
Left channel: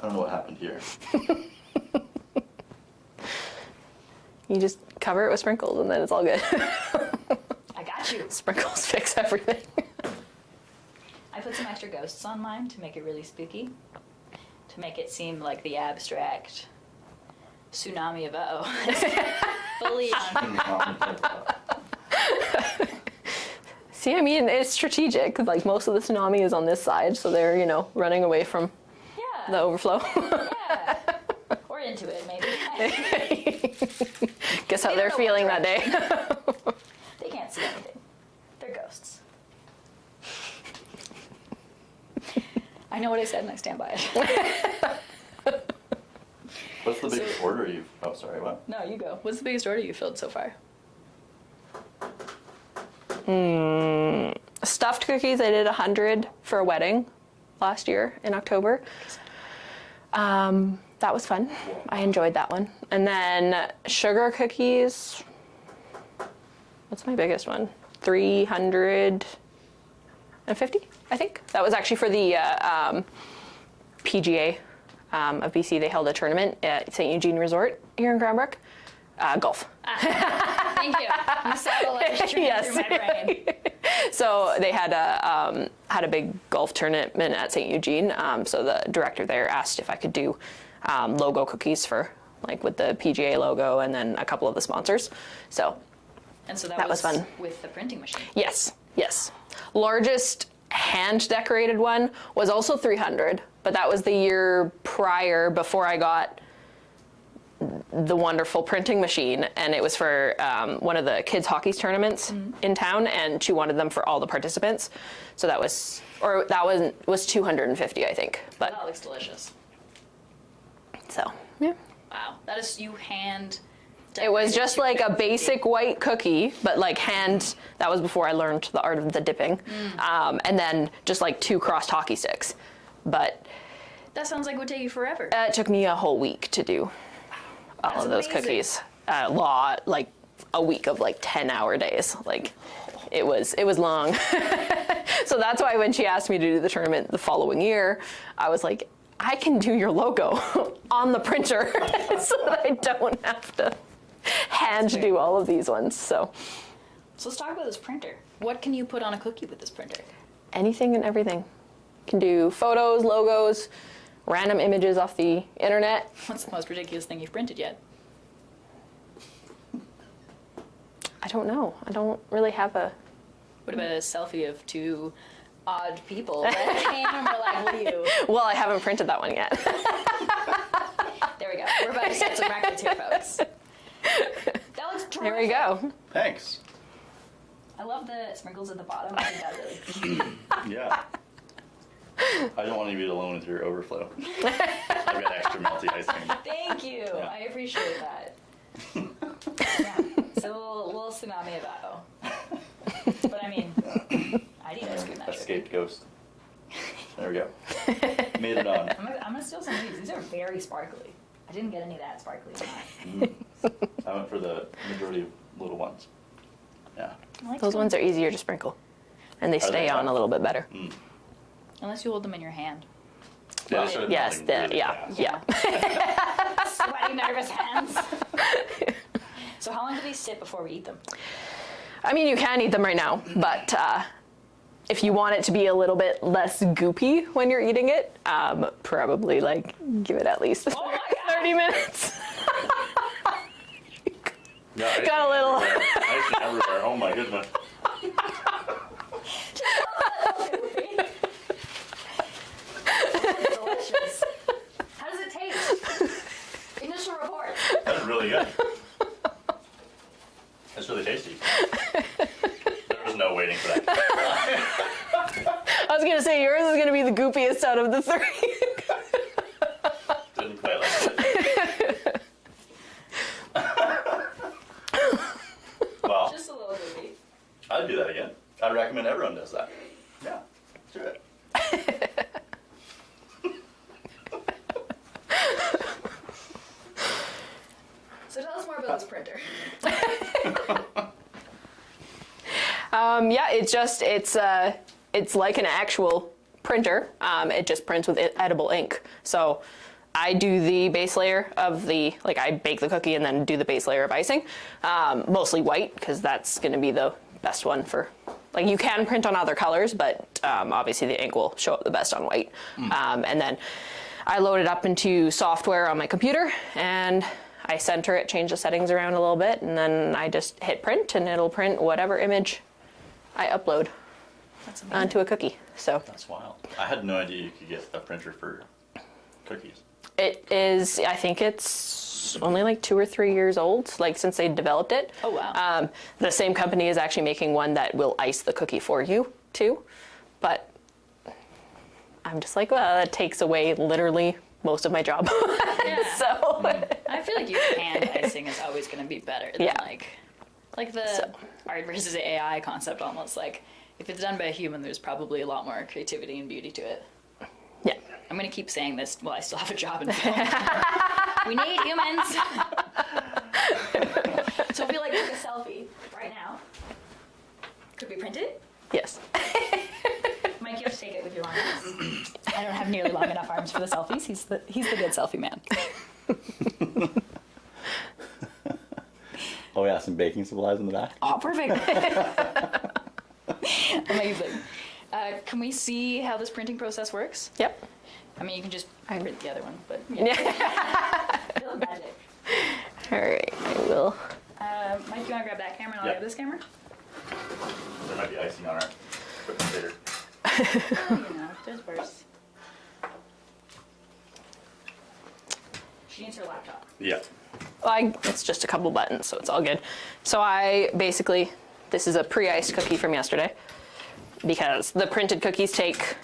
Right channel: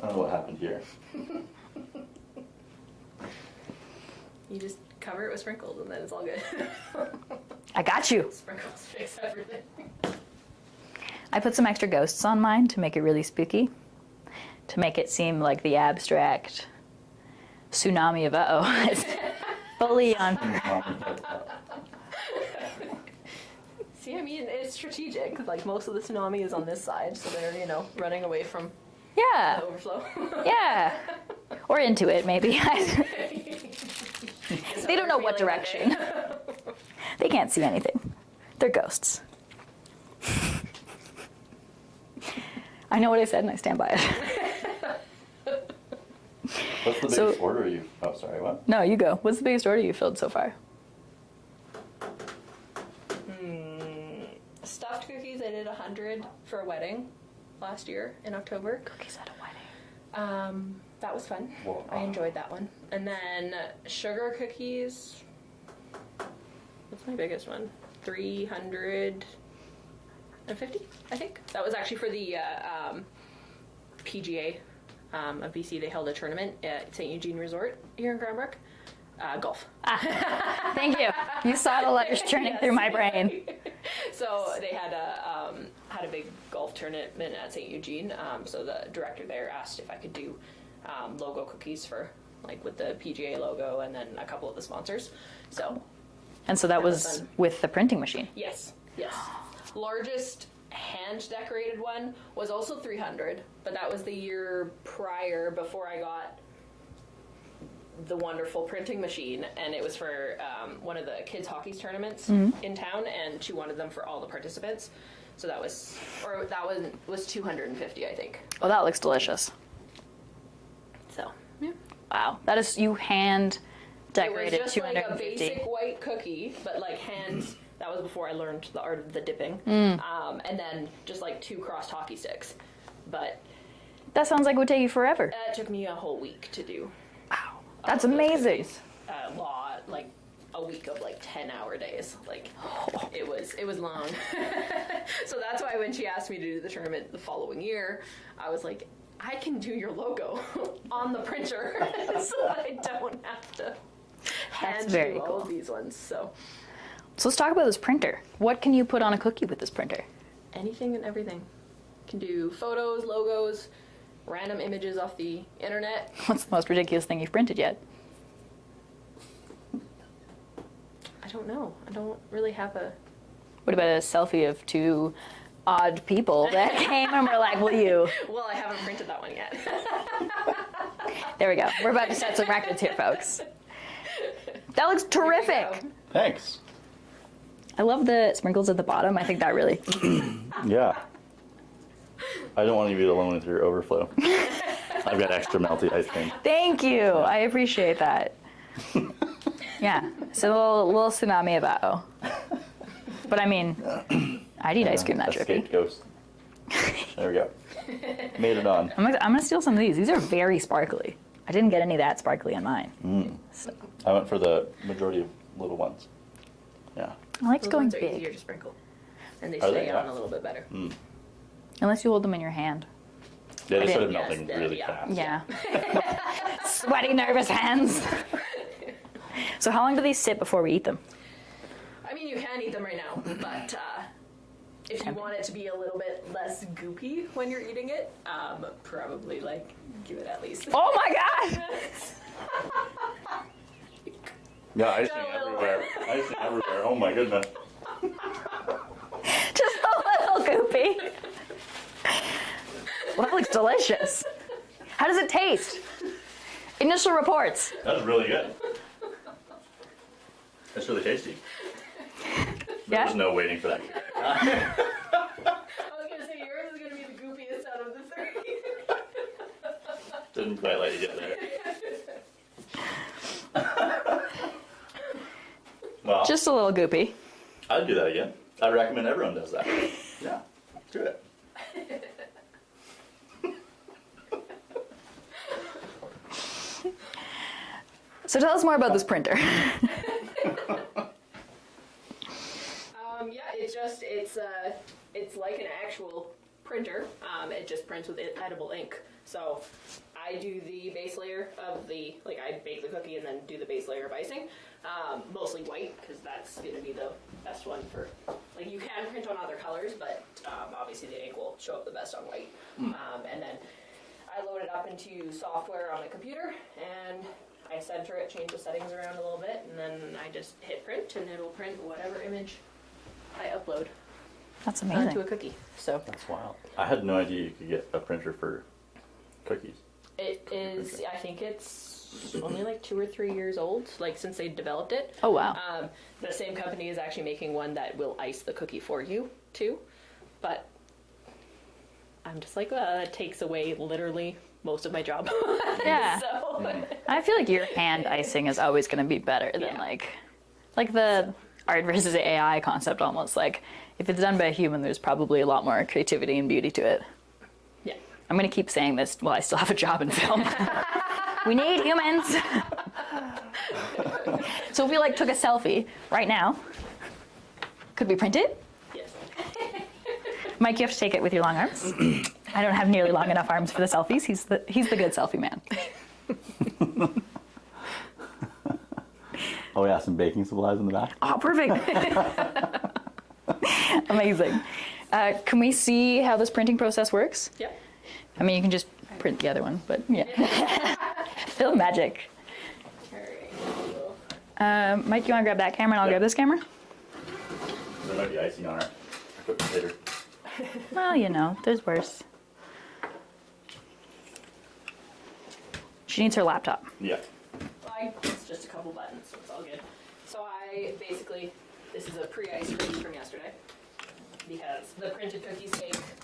I don't know what happened here. You just cover it with sprinkles, and then it's all good. I got you. Sprinkles fix everything. I put some extra ghosts on mine to make it really spooky, to make it seem like the abstract tsunami of uh-oh is fully on. See, I mean, it's strategic. Like, most of the tsunami is on this side, so they're, running away from the Yeah, overflow. yeah. Or into it, maybe. Guess how They they're don't know what feeling that day. They can't see anything. They're ghosts. I know what I said and I stand by it. What's the biggest So- order you? Oh, sorry. What? No, you go. What's the biggest order you filled so far? Stuffed cookies, I did 100 for a wedding. last year in October. That was fun. I enjoyed that one. And then sugar cookies. What's my biggest one? 350, I think. That was actually for the PGA of BC. They held a tournament at St. Eugene Resort here in Cranbrook. Golf. Thank you. You saw the letters streaming through my brain. So they had a big golf tournament at St. Eugene. So the director there asked if I could do logo cookies for like with the PGA logo and then a couple of the sponsors. So that was fun with the printing machine. Yes. Largest hand decorated one was also 300, but that was the year prior before I got the wonderful printing machine, and it was for one of the kids hockey tournaments in town, and she wanted them for all the participants. So that was 250, I think. But that looks delicious. So Yeah. Wow. That is you hand. it was just like a 250. basic white cookie, but like hand. That was before I learned the art of the dipping, and then just like 2 crossed hockey sticks. But That sounds like it would take you forever. it took me a whole week to do. All That's of those amazing. cookies. A lot, like a week of like 10-hour days. Like it was long. So that's why when she asked me to do the tournament the following year, I was like, I can do your logo on the printer so that I don't have to hand very do all of these ones. So So let's talk about this printer. What can you put on a cookie with this printer? anything and everything. Can do photos, logos, random images off the internet. What's the most ridiculous thing you've printed yet? I don't know. I don't really have a... What about a selfie of 2 odd people that came and were like, will you? Well, I haven't printed that one yet. There we go. We're about to set some records here, folks. That looks There we terrific. go. Thanks. I love the sprinkles at the bottom. I think that really... Yeah. I don't want you to be alone with your overflow. I've got extra melty ice cream. Thank you. I appreciate that. Yeah. So a little tsunami about. But I mean, I'd eat ice cream that drippy. Escaped ghost. There we go. Made it on. I'm gonna steal some of these. These are very sparkly. I didn't get any of that sparkly on mine. I went for the majority of little ones. Yeah. I like Those going ones are easier to sprinkle. And they Are stay they? on a little bit better. unless you hold them in your hand. Yeah, they started Yes, melting really yeah. fast. Yeah. Sweaty, nervous hands. So how long do these sit before we eat them? I mean, you can eat them right now, but if you want it to be a little bit less goopy when you're eating it, probably like give it at least Oh my God! 30 minutes. Yeah, ice Got a cream little- everywhere. Ice cream everywhere. Oh my goodness. Just a little goopy. Well, that looks delicious. How does it taste? Initial reports. That is really good. That's really tasty. Yeah. There's no waiting for that. I was gonna say yours is gonna be the goopiest out of the 3. Didn't quite like it. Well, Just a little goopy. I'd do that again. I'd recommend everyone does that. Yeah, do it. So tell us more about this printer. Yeah, it's like an actual printer. It just prints with edible ink. So I do the base layer of I bake the cookie and then do the base layer of icing. Mostly white, because that's going to be the best one for, like, you can print on other colors, but obviously the ink will show up the best on white. And then I load it up into software on my computer, and I center it, change the settings around a little bit, and then I just hit print, and it'll print whatever image I upload That's amazing. onto a cookie. So That's wild. I had no idea you could get a printer for cookies. it is, I think it's only like 2 or 3 years old, like since they developed it. Oh, wow. The same company is actually making one that will ice the cookie for you too. But I'm just like, well, that takes away literally most of my job. Yeah. So I feel like your hand icing is always going to be better than Yeah. like the art versus AI concept almost. Like if it's done by a human, there's probably a lot more creativity and beauty to it. Yeah. I'm going to keep saying this while I still have a job in film. We need humans. So if we like took a selfie right now, could we print it? Yes. Mike, you have to take it with your long arms. I don't have nearly long enough arms for the selfies. He's the good selfie man. Oh yeah, some baking supplies in the back. Oh, perfect. Amazing. Can we see how this printing process works? Yep. I mean, you can just print the other one, but yeah. Feel magic. All right, I will. Mike, you want to grab that camera and I'll grab this camera? There might be icing on our equipment later. Oh, you know, there's worse. She needs her laptop. Yeah. It's just a couple buttons, so it's all good. So this is a pre-iced cookie from yesterday because the printed cookies take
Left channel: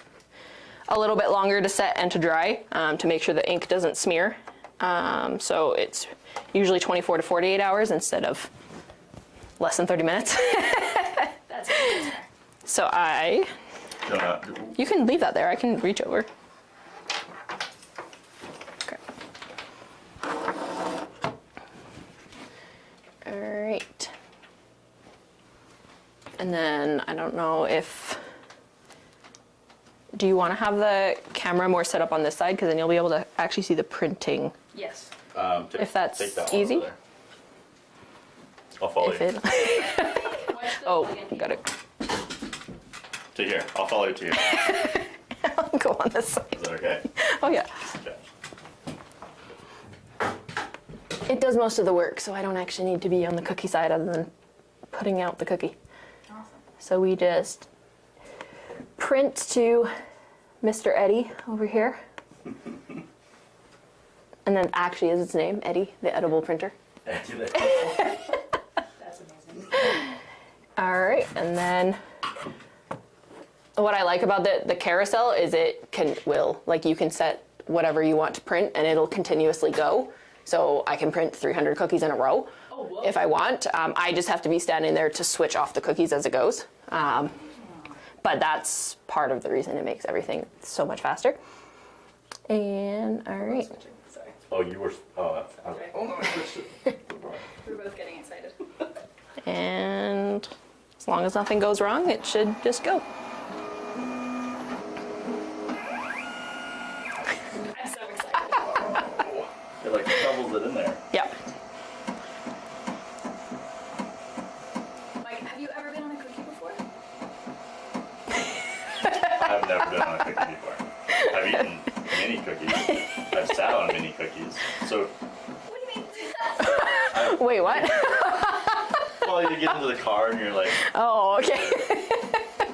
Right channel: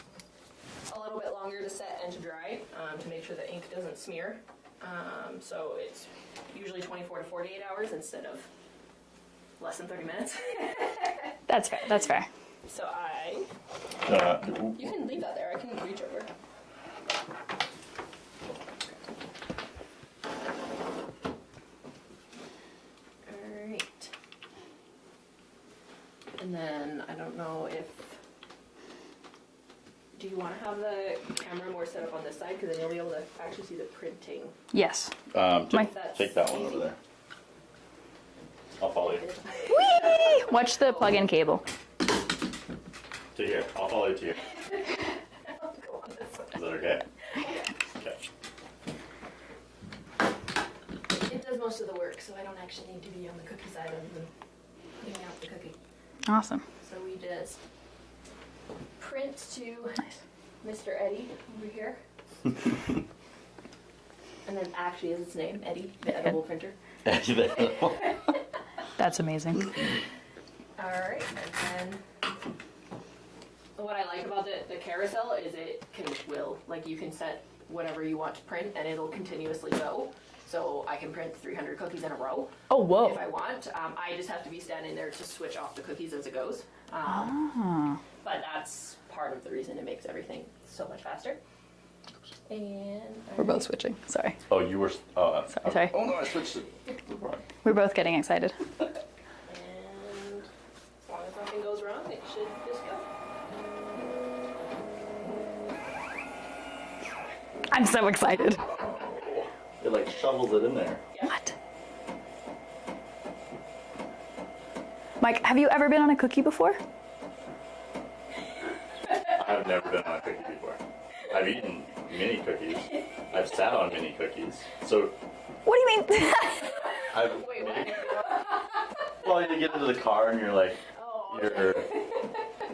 a little bit longer to set and to dry to make sure the ink doesn't smear. So it's usually 24 to 48 hours instead of less than 30 minutes. That's fair. So you can leave that there. I can reach over. Okay. All right. And then I don't know do you want to have the camera more set up on this side? Because then you'll be able to actually see the printing. Yes. If that's take that one easy. over there. I'll follow If you. it, Watch the plug-in cable. To here. I'll follow you to here. I'll go on this side. Is that okay? Oh yeah. Okay. It does most of the work, so I don't actually need to be on the cookie side other than putting out the cookie. Awesome. So we just print to Mr. Eddie over here. And then actually is its name, Eddie, the edible printer. That's amazing. All right, and then what I like about the carousel is you can set whatever you want to print and it'll continuously go. So I can print 300 cookies in a row. Oh, whoa. If I want. I just have to be standing there to switch off the cookies as it goes. But that's part of the reason it makes everything so much faster. And We're both switching. Sorry. Oh, you were. Oh, that's. Sorry. Oh no, I switched it. We're both getting excited. And as long as nothing goes wrong, it should just go. I'm so excited. It like shovels it in there. Yeah. Mike, have you ever been on a cookie before? I've never been on a cookie before. I've eaten mini cookies. I've sat on mini cookies. So. What do you mean? Wait, what? Well, you get into the car and you're like. Oh, okay.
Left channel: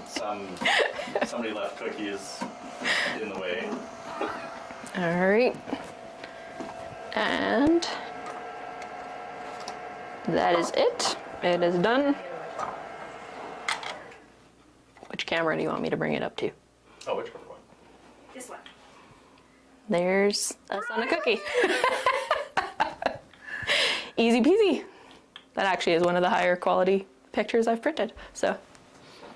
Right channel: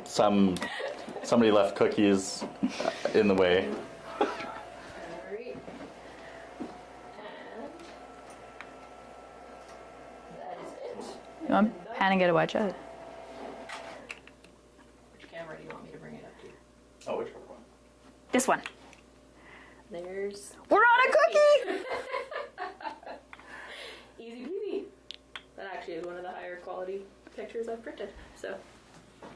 Somebody left cookies in the way. All right. And that is it. It is done. And I gotta watch out. Which camera do you want me to bring it up to? Oh, which one? This one. There's. We're on a cookie. Easy peasy. That actually is one of the higher quality pictures I've printed. So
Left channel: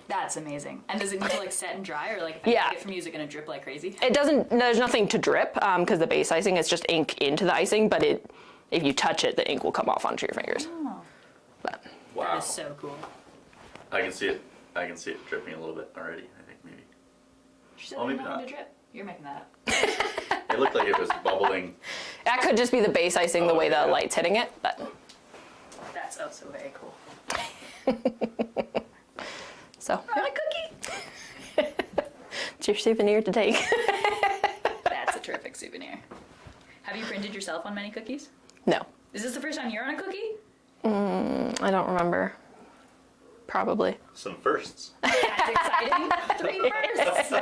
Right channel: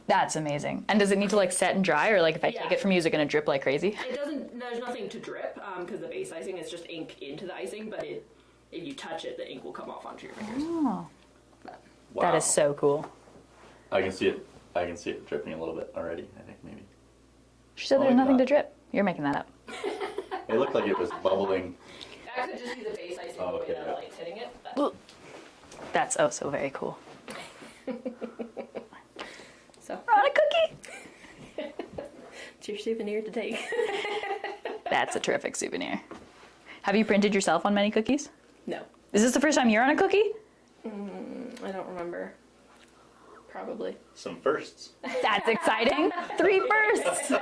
That's amazing. And does it need to like set and dry, or like if I take it from you, is it gonna drip like crazy? it doesn't. There's nothing to drip because the base icing is just ink into the icing. But if you touch it, the ink will come off onto your fingers. Oh, But Wow. that is so cool. I can see it. I can see it dripping a little bit already. I think maybe. She said Oh, there's nothing yeah. to drip. You're making that up. It looked like it was bubbling. that could just be the base icing, the way the yeah. light's hitting it. But That's oh so very cool. so We're on a cookie. it's your souvenir to take. That's a terrific souvenir. Have you printed yourself on many cookies? No, Is this the first time you're on a cookie? I don't remember. Probably. Some firsts. That's exciting. 3 firsts.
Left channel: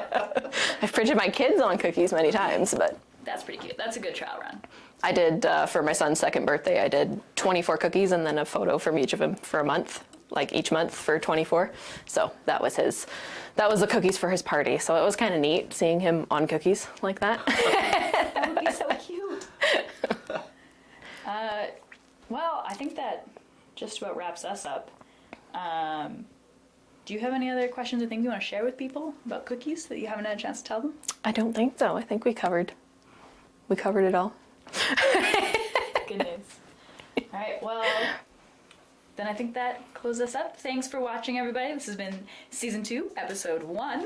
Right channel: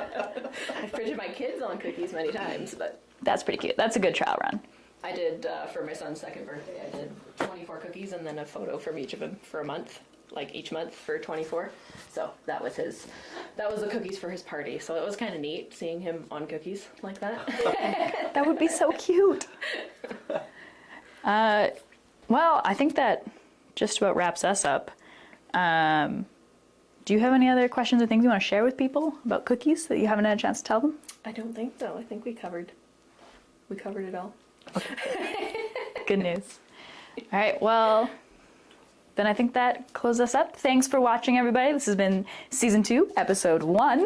I've printed my kids on cookies many times, but That's pretty cute. That's a good trial run. I did, for my son's second birthday, I did 24 cookies and then a photo from each of them for a month, like each month for 24. So that was the cookies for his party. So it was kind of neat seeing him on cookies like that. That would be so cute. Well, I think that just about wraps us up. Do Do you have any other questions or things you want to share with people about cookies that you haven't had a chance to tell them? I don't think so. I think we covered it all. Good news. All right, well, then I think that closes us up. Thanks for watching, everybody. This has been Season 2, Episode 1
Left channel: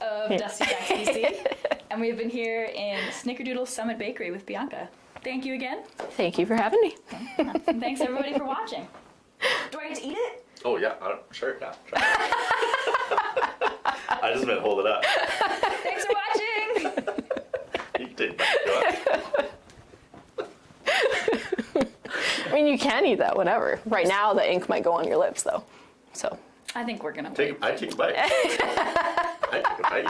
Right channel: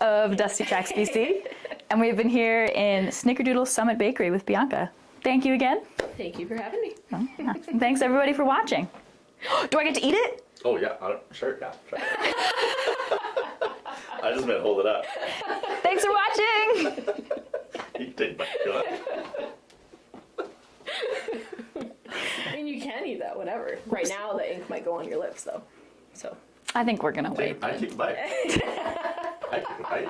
of Dusty Tracks BC. And we've been here in Snickerdoodle Summit Bakery with Bianca. Thank you again. Thank you for having me. And thanks, everybody, for watching. Do I get to eat it? Oh yeah, sure. I just meant hold it up. Thanks for watching. You can take it back. Go ahead. I mean, you can eat that, whatever. Right now, the ink might go on your lips, though. So I think we're going to wait. I take a bite. I take a bite.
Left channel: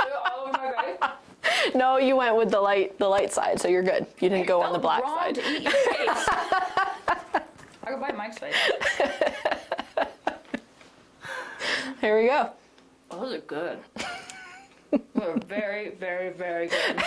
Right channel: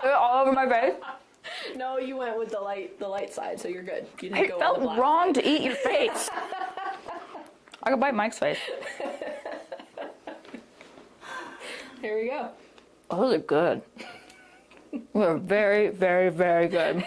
All over my face. no, you went with the light side, so you're good. You didn't go on the black wrong side. to eat your face. I could bite Mike's face. Here we go. Oh, those are good. They're very, very, very good.